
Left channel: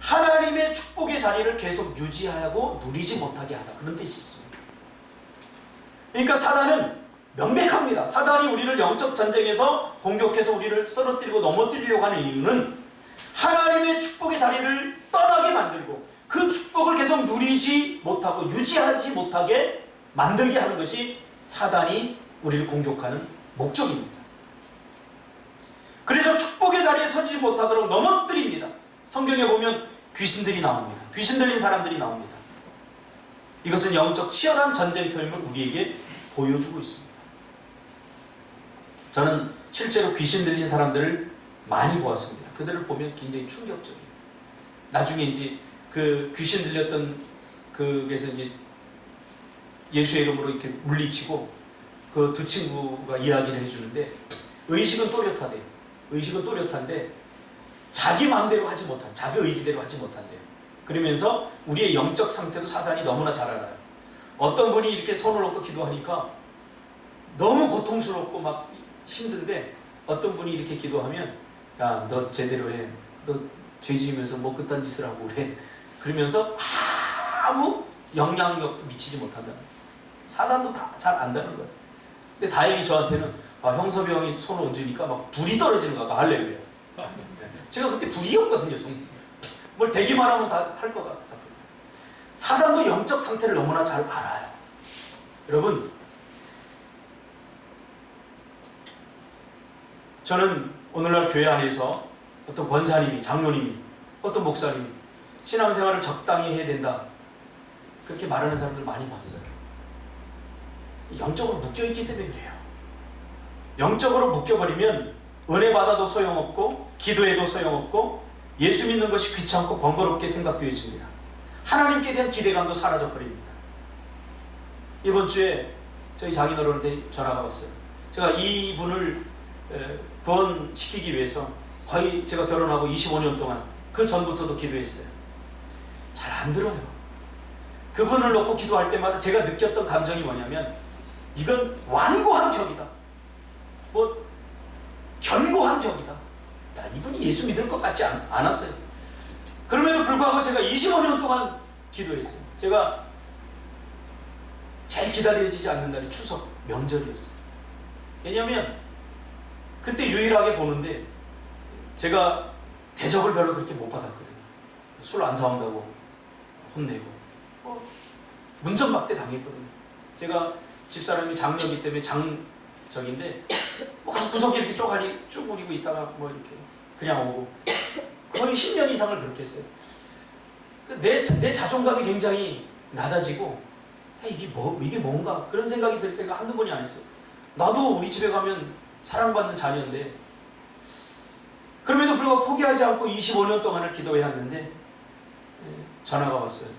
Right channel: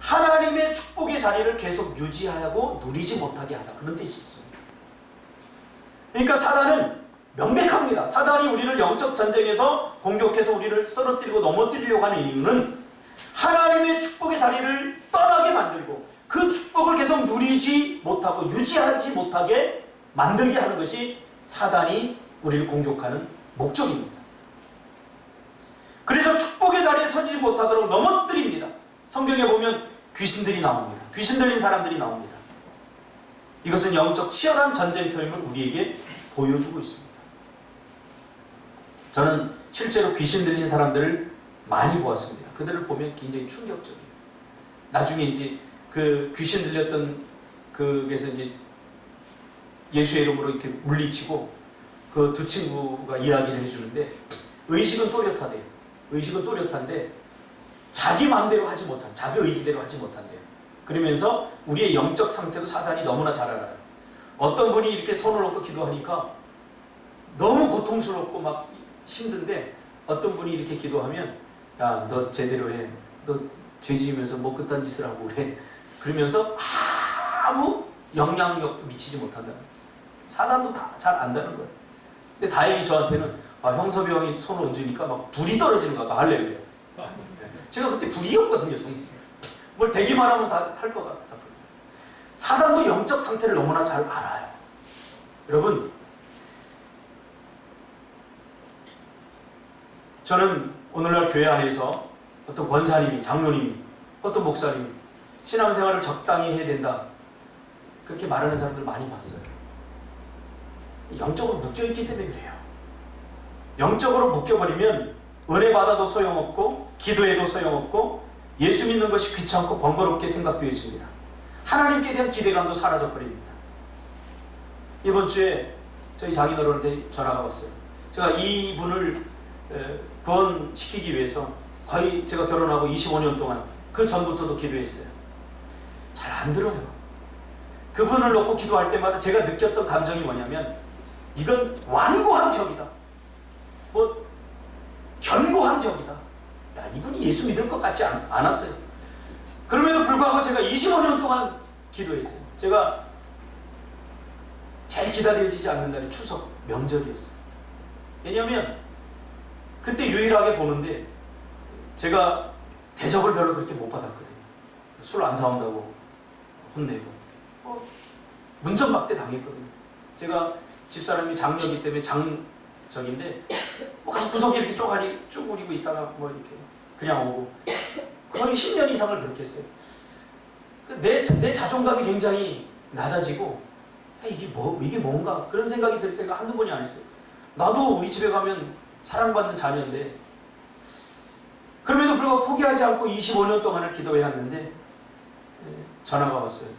하나님의 축복의 자리를 계속 유지하고 누리지 못하게 하다, 그런 뜻이 있습니다. 그러니까 사단은 명백합니다. 사단이 우리를 영적 전쟁에서 공격해서 우리를 쓰러뜨리고 넘어뜨리려고 하는 이유는 하나님의 축복의 자리를 떠나게 만들고 그 축복을 계속 누리지 못하고 유지하지 못하게 만들게 하는 것이 사단이 우리를 공격하는 목적입니다. 그래서 축복의 자리에 서지 못하도록 넘어뜨립니다. 성경에 보면 귀신들이 나옵니다. 귀신 들린 사람들이 나옵니다. 이것은 영적 치열한 전쟁터임을 우리에게 보여주고 있습니다. 저는 실제로 귀신 들린 사람들을 많이 보았습니다. 그들을 보면 굉장히 충격적이에요. 나중에 이제 그 귀신 들렸던 그래서 이제 예수의 이름으로 이렇게 물리치고 그 두 친구가 이야기를 해주는데 의식은 또렷하대요. 의식은 또렷한데 자기 마음대로 하지 못한, 자기 의지대로 하지 못한대요. 그러면서 우리의 영적 상태도 사단이 너무나 잘 알아요. 어떤 분이 이렇게 손을 놓고 기도하니까 너무 고통스럽고 막 힘든데 어떤 분이 이렇게 기도하면 야, 너 제대로 해. 너 죄 지으면서 뭐 그딴 짓을 하고 그래. 그러면서 아무 영향력도 미치지 못한다는 거예요. 사단도 다 잘 안다는 거예요. 근데 다행히 저한테는 형섭이 형이 손을 얹으니까 막 불이 떨어지는 거야. 할렐루야. 제가 그때 불이었거든요. 뭘 되기만 하면 다 할 것 같았거든요. 사단도 영적 상태를 너무나 잘 알아요. 여러분, 저는 오늘날 교회 안에서 어떤 권사님이, 장로님이, 어떤 목사님이 신앙생활을 적당히 해야 된다 그렇게 말하는 사람들 많이 봤어요. 영적으로 묶여있기 때문에 그래요. 영적으로 묶여버리면 은혜 받아도 소용없고 기도해도 소용없고 예수 믿는 것이 귀찮고 번거롭게 생각되어집니다. 하나님께 대한 기대감도 사라져버립니다. 이번 주에 저희 장인어른한테 전화가 왔어요. 제가 이분을 구원시키기 위해서 거의 제가 결혼하고 25년 동안 그 전부터도 기도했어요. 잘 안 들어요. 그분을 놓고 기도할 때마다 제가 느꼈던 감정이 뭐냐면 이건 완고한 벽이다. 뭐 견고한 벽이다. 야, 이분이 예수 믿을 것 같지 않았어요. 그럼에도 불구하고 제가 25년 동안 기도했어요. 제가 제일 기다려지지 않는 날이 추석 명절이었어요. 왜냐하면 그때 유일하게 보는데 제가 대접을 별로 그렇게 못 받았거든요. 술 안 사온다고 혼내고 문전박대 당했거든요. 제가 집사람이 장녀이기 때문에 장정인데 가서 구석에 이렇게 쪼가리 쭈그리고 있다가 뭐 이렇게 그냥 오고 거의 10년 이상을 그렇게 했어요. 내 자존감이 굉장히 낮아지고 이게 뭔가 그런 생각이 들 때가 한두 번이 아니었어요. 나도 우리 집에 가면 사랑받는 자녀인데 그럼에도 불구하고 포기하지 않고 25년 동안을 기도해왔는데 전화가 왔어요.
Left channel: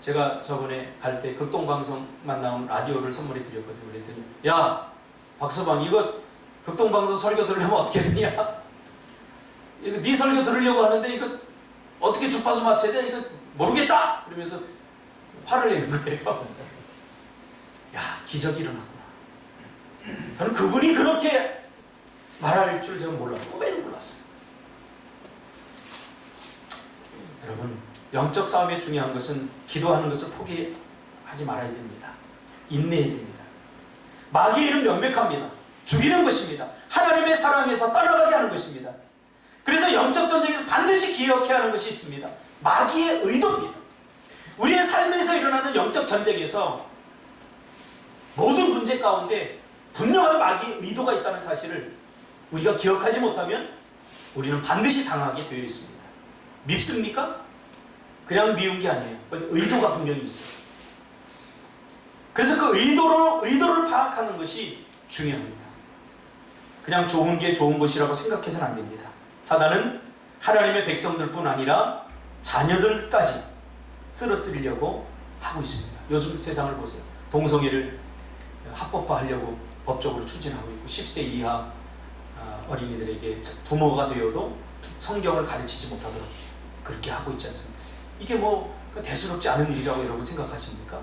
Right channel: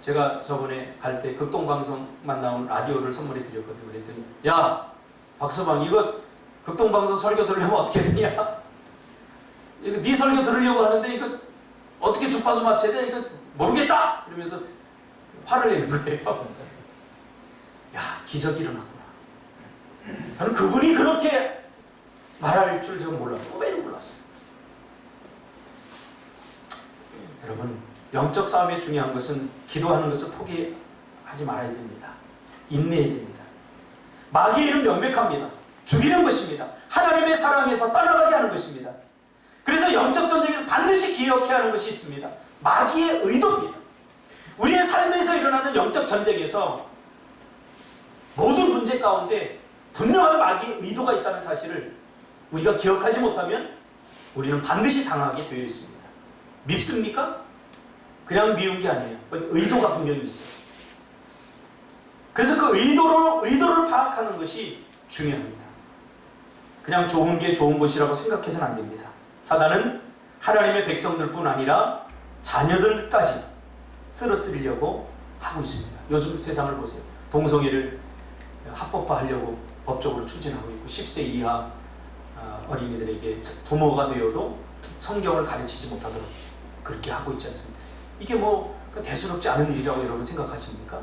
제가 저번에 갈 때 극동방송만 나온 라디오를 선물해 드렸거든요. 그랬더니 야 박서방 이거 극동방송 설교 들으려면 어떻게 되냐? 이거 네 설교 들으려고 하는데 이거 어떻게 주파수 맞춰야 돼? 이거 모르겠다! 그러면서 화를 내는 거예요. 야 기적이 일어났구나. 저는 그분이 그렇게 말할 줄 제가 몰랐어요. 꿈에도 몰랐어요. 여러분 영적 싸움에 중요한 것은 기도하는 것을 포기하지 말아야 됩니다. 인내해야 됩니다. 마귀의 일은 명백합니다. 죽이는 것입니다. 하나님의 사랑에서 떠나가게 하는 것입니다. 그래서 영적 전쟁에서 반드시 기억해야 하는 것이 있습니다. 마귀의 의도입니다. 우리의 삶에서 일어나는 영적 전쟁에서 모든 문제 가운데 분명한 마귀의 의도가 있다는 사실을 우리가 기억하지 못하면 우리는 반드시 당하게 되어 있습니다. 밉습니까? 그냥 미운 게 아니에요. 의도가 분명히 있어요. 그래서 그 의도를 파악하는 것이 중요합니다. 그냥 좋은 게 좋은 것이라고 생각해서는 안 됩니다. 사단은 하나님의 백성들뿐 아니라 자녀들까지 쓰러뜨리려고 하고 있습니다. 요즘 세상을 보세요. 동성애를 합법화하려고 법적으로 추진하고 있고 10세 이하 어린이들에게 부모가 되어도 성경을 가르치지 못하도록 그렇게 하고 있지 않습니까? 이게 뭐 대수롭지 않은 일이라고 여러분 생각하십니까?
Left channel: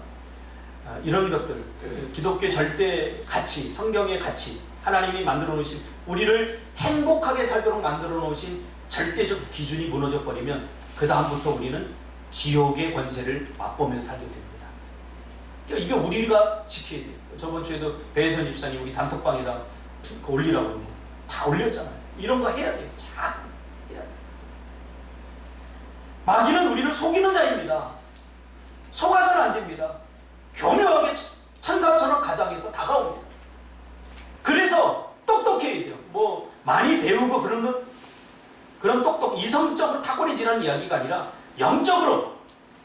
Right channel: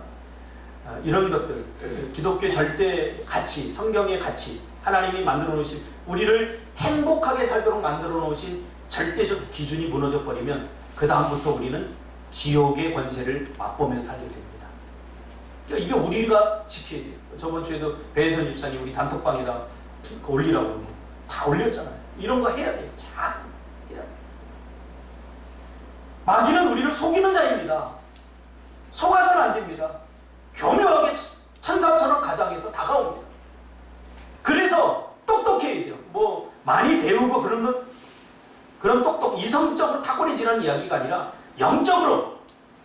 이런 것들, 기독교 절대 가치, 성경의 가치, 하나님이 만들어 놓으신 우리를 행복하게 살도록 만들어 놓으신 절대적 기준이 무너져 버리면 그 다음부터 우리는 지옥의 권세를 맛보면서 살게 됩니다. 그러니까 이게 우리가 지켜야 돼요. 저번 주에도 배혜선 집사님 우리 단톡방에다 올리라고 다 올렸잖아요. 이런 거 해야 돼요. 잘 해야 돼요. 마귀는 우리를 속이는 자입니다. 속아서는 안 됩니다. 교묘하게 천사처럼 가장해서 다가옵니다. 그래서 똑똑해야 돼요. 뭐 많이 배우고 그런 똑똑 이성적으로 탁월해지는 이야기가 아니라 영적으로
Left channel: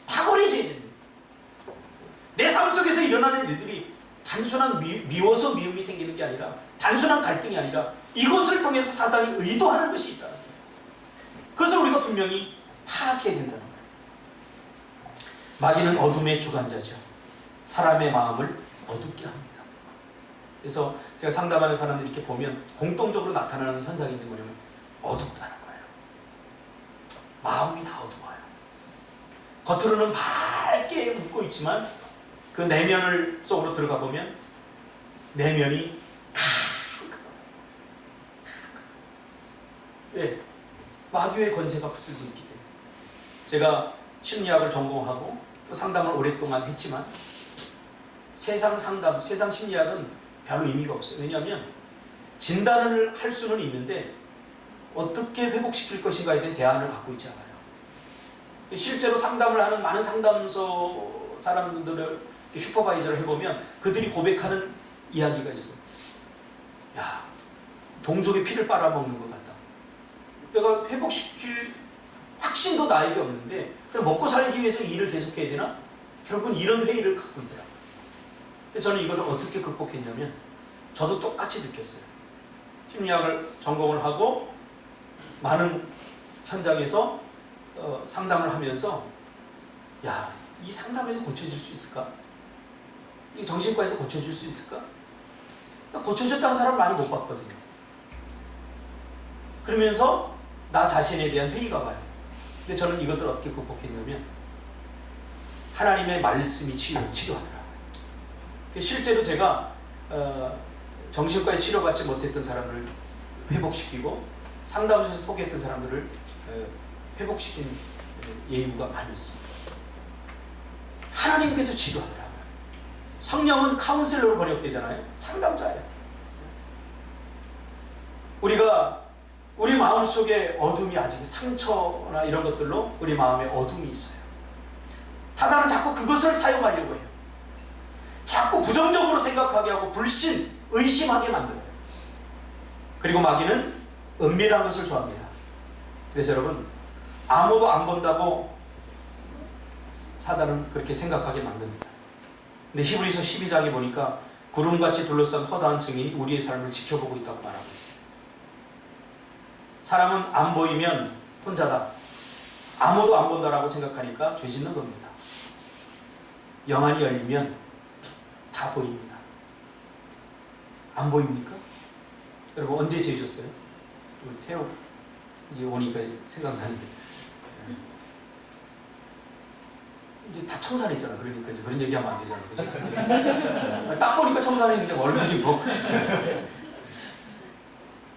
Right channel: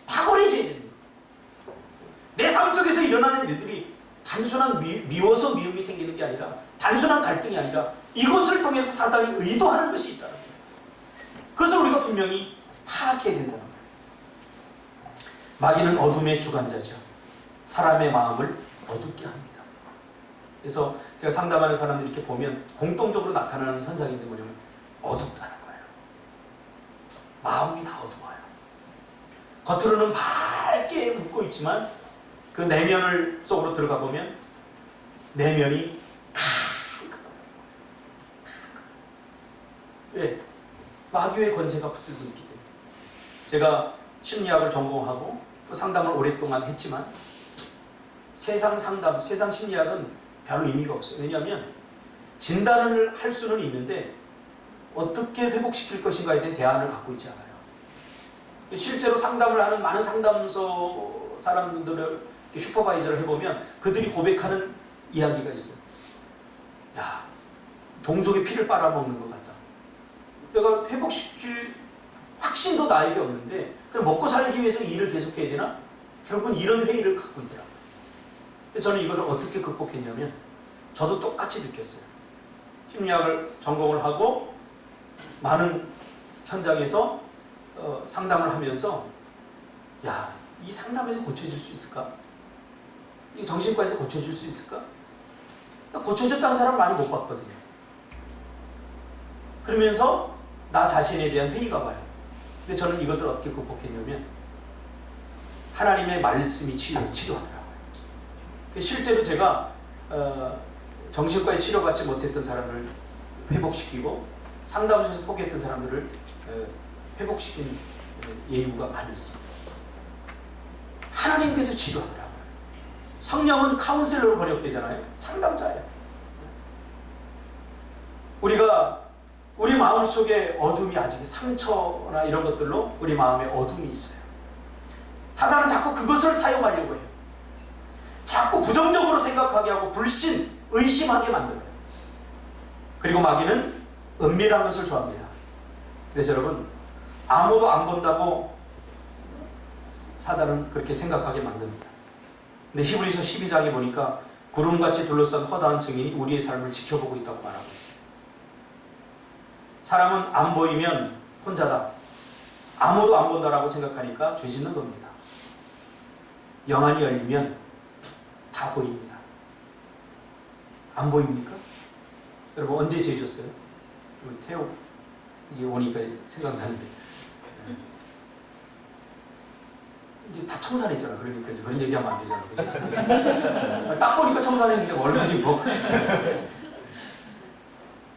탁월해져야 됩니다. 내 삶 속에서 일어나는 일들이 단순한 미워서 미움이 생기는 게 아니라 단순한 갈등이 아니라 이것을 통해서 사단이 의도하는 것이 있다는 거예요. 그것을 우리가 분명히 파악해야 된다는 거예요. 마귀는 어둠의 주관자죠. 사람의 마음을 어둡게 합니다. 그래서 제가 상담하는 사람들 이렇게 보면 공통적으로 나타나는 현상이 있는 뭐냐면 어둡다는 거예요. 마음이 다 어두워요. 겉으로는 밝게 웃고 있지만 그 내면을 속으로 들어가 보면 내면이 왜? 마귀의 권세가 붙들고 있기 때문에. 제가 심리학을 전공하고 또 상담을 오랫동안 했지만 세상 상담, 세상 심리학은 별로 의미가 없어요. 왜냐하면 진단을 할 수는 있는데 어떻게 회복시킬 것인가에 대한 대안을 갖고 있지 않아요. 실제로 상담을 하는 많은 상담소 사람들을 슈퍼바이저를 해보면 그들이 고백하는 이야기가 있어요. 야, 동족의 피를 빨아먹는 것 같다. 내가 회복시킬 확신도 나에게 없는데 그냥 먹고 살기 위해서 일을 계속해야 되나? 결국은 이런 회의를 갖고 있더라고요. 저는 이걸 어떻게 극복했냐면 저도 똑같이 느꼈어요. 심리학을 전공을 하고 많은 현장에서 상담을 하면서 야, 이 상담에서 고쳐질 수 있을까? 이 정신과에서 고쳐질 수 있을까? 고쳐졌다는 사람 많이 못 봤거든요. 그러면서 나 자신에 대한 회의가 와요. 근데 저는 이것을 어떻게 극복했냐면 하나님의 말씀이 치료하더라고요. 실제로 제가 정신과에 치료받지 못했던 사람을 회복시키고 상담소에서 포기했던 사람들을 회복시킨 예우가 많이 있습니다. 하나님께서 치료하더라고요. 성령은 카운셀러로 번역되잖아요. 상담자예요. 우리가 우리 마음속에 어둠이 아직 상처나 이런 것들로 우리 마음에 어둠이 있어요. 사단은 자꾸 그것을 사용하려고 해요. 자꾸 부정적으로 생각하게 하고 불신, 의심하게 만들어요. 그리고 마귀는 은밀한 것을 좋아합니다. 그래서 여러분, 아무도 안 본다고 사단은 그렇게 생각하게 만듭니다. 근데 히브리서 12장에 보니까 구름같이 둘러싼 허다한 증인이 우리의 삶을 지켜보고 있다고 말하고 있어요. 사람은 안 보이면 혼자다. 아무도 안 본다라고 생각하니까 죄 짓는 겁니다. 영안이 열리면 다 보입니다. 안 보입니까? 여러분 언제 죄졌어요? 우리 태호 이게 오니까 생각나는데 이제 다 청산했잖아. 그러니까 이제 그런 얘기하면 안 되잖아. 그치? 딱 보니까 청산했는데 얼마지 뭐.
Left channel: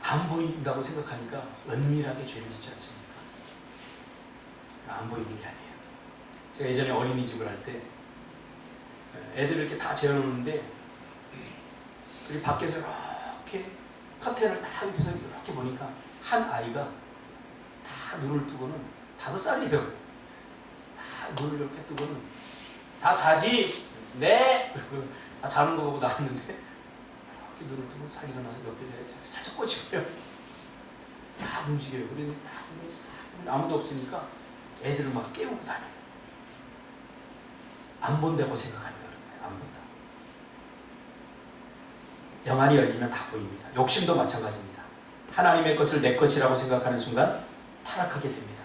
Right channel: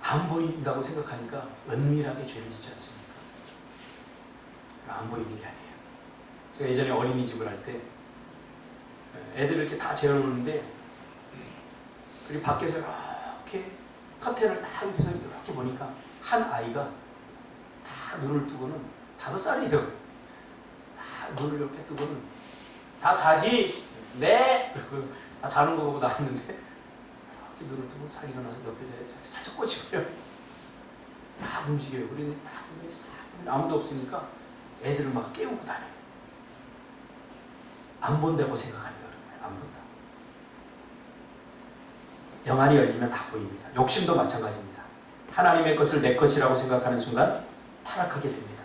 안 보인다고 생각하니까 은밀하게 죄를 짓지 않습니까? 안 보이는 게 아니에요. 제가 예전에 어린이집을 할 때 애들을 이렇게 다 재워놓는데 그리고 밖에서 이렇게 커튼을 다 옆에서 이렇게 보니까 한 아이가 다 눈을 뜨고는 5살이에요. 다 눈을 이렇게 뜨고는 다 자지? 네! 그리고 다 자는 거 보고 나왔는데 이렇게 눈을 뜨고 싹 일어나 옆에 살짝 꽂히고요. 다 움직여요. 그러니 딱 아무도 없으니까 애들을 막 깨우고 다녀요. 안 본다고 생각하니까 그런 거예요. 안 본다. 영안이 열리면 다 보입니다. 욕심도 마찬가지입니다. 하나님의 것을 내 것이라고 생각하는 순간 타락하게 됩니다.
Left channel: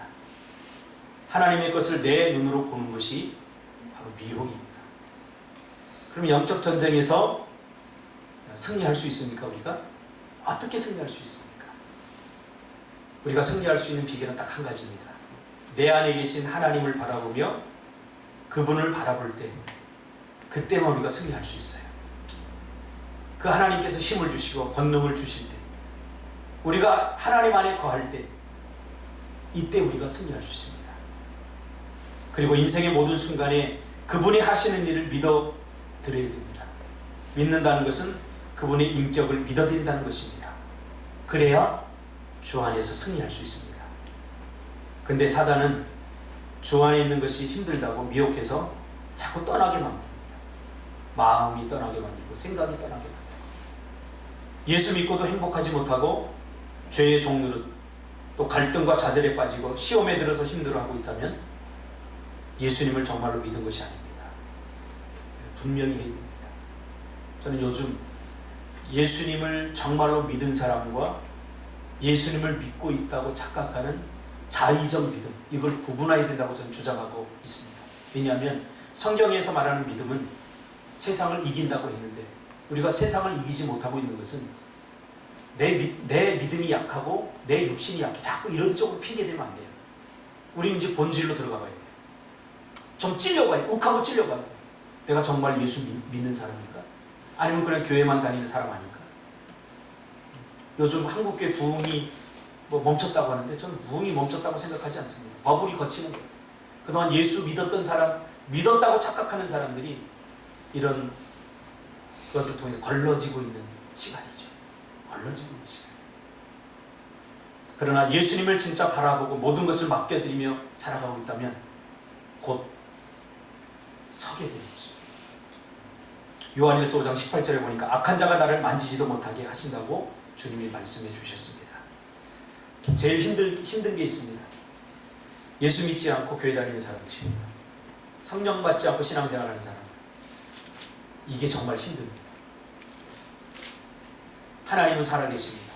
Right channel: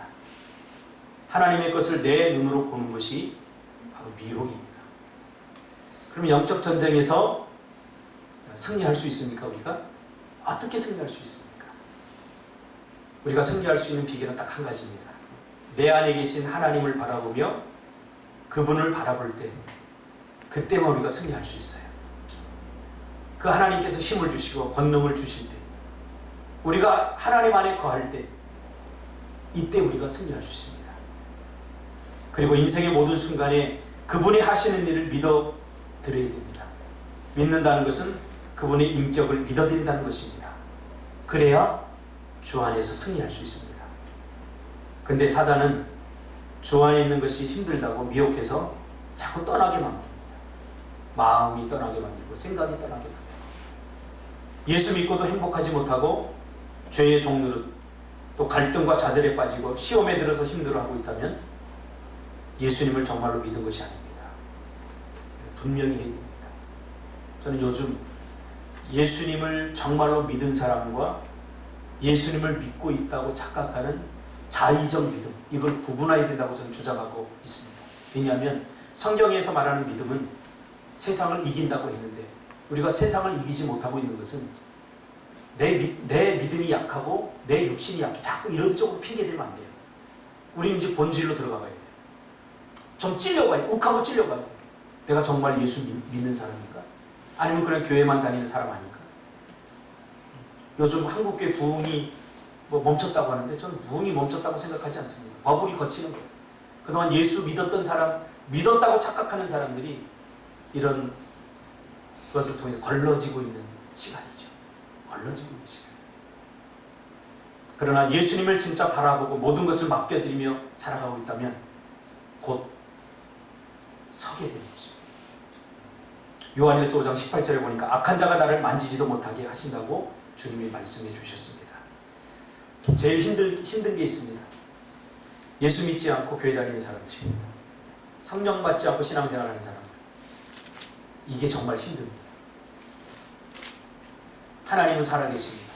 하나님의 것을 내 눈으로 보는 것이 바로 미혹입니다. 그럼 영적 전쟁에서 승리할 수 있습니까? 우리가? 어떻게 승리할 수 있습니까? 우리가 승리할 수 있는 비결은 딱 한 가지입니다. 내 안에 계신 하나님을 바라보며 그분을 바라볼 때 그때만 우리가 승리할 수 있어요. 그 하나님께서 힘을 주시고 권능을 주실 때 우리가 하나님 안에 거할 때 이때 우리가 승리할 수 있습니다. 그리고 인생의 모든 순간에 그분이 하시는 일을 믿어 드려야 됩니다. 믿는다는 것은 그분의 인격을 믿어드린다는 것입니다. 그래야 주 안에서 승리할 수 있습니다. 근데 사단은 주 안에 있는 것이 힘들다고 미혹해서 자꾸 떠나게 만듭니다. 마음이 떠나게 만들고 생각이 떠나게 만들고 예수 믿고도 행복하지 못하고 죄의 종노릇 또 갈등과 좌절에 빠지고 시험에 들어서 힘들어하고 있다면 예수님을 정말로 믿은 것이 아닙니다. 분명히 해야 됩니다. 저는 요즘 예수님을 정말로 믿은 사람과 예수님을 믿고 있다고 착각하는 자의적 믿음, 이걸 구분해야 된다고 저는 주장하고 있습니다. 왜냐하면 성경에서 말하는 믿음은 세상을 이긴다고 했는데 우리가 세상을 이기지 못하고 있는 것은 내 믿음이 약하고 내 육신이 약해. 자꾸 이런 쪽으로 핑계대면 안 돼요. 우리는 이제 본질로 들어가야 돼요. 좀 찔려봐야 돼. 욱하고 찔려봐야 돼. 내가 정말 예수 믿는 사람입니까? 아니면 그냥 교회만 다니는 사람 아닐까? 요즘 한국교회 부흥이 멈췄다고 하는데 저는 부흥이 멈췄다고 생각하지 않습니다. 버블이 거치는 거예요. 그동안 예수 믿었던 사람, 믿었다고 착각하는 사람들이 이런 것을 통해 걸러지고 있는 시간이죠. 걸러지고 있는 시간. 그러나 예수님을 진짜 바라보고 모든 것을 맡겨드리며 살아가고 있다면 곧 서게 되는 거죠. 요한일서 5장 18절에 보니까 악한 자가 나를 만지지도 못하게 하신다고 주님이 말씀해 주셨습니다. 제일 힘든 게 있습니다. 예수 믿지 않고 교회 다니는 사람들입니다. 성령 받지 않고 신앙생활하는 사람들. 이게 정말 힘듭니다. 하나님은 살아계십니다.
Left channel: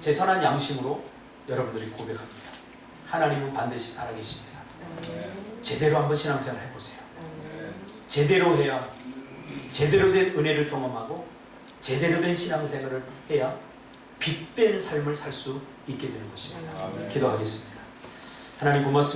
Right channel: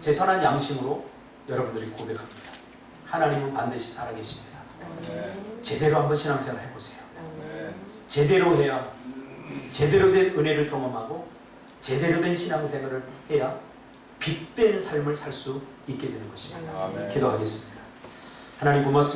제 선한 양심으로 여러분들이 고백합니다. 하나님은 반드시 살아계십니다. 제대로 한번 신앙생활 해보세요. 제대로 해야 제대로 된 은혜를 경험하고 제대로 된 신앙생활을 해야 빛된 삶을 살 수 있게 되는 것입니다. 기도하겠습니다. 하나님 고맙습니다.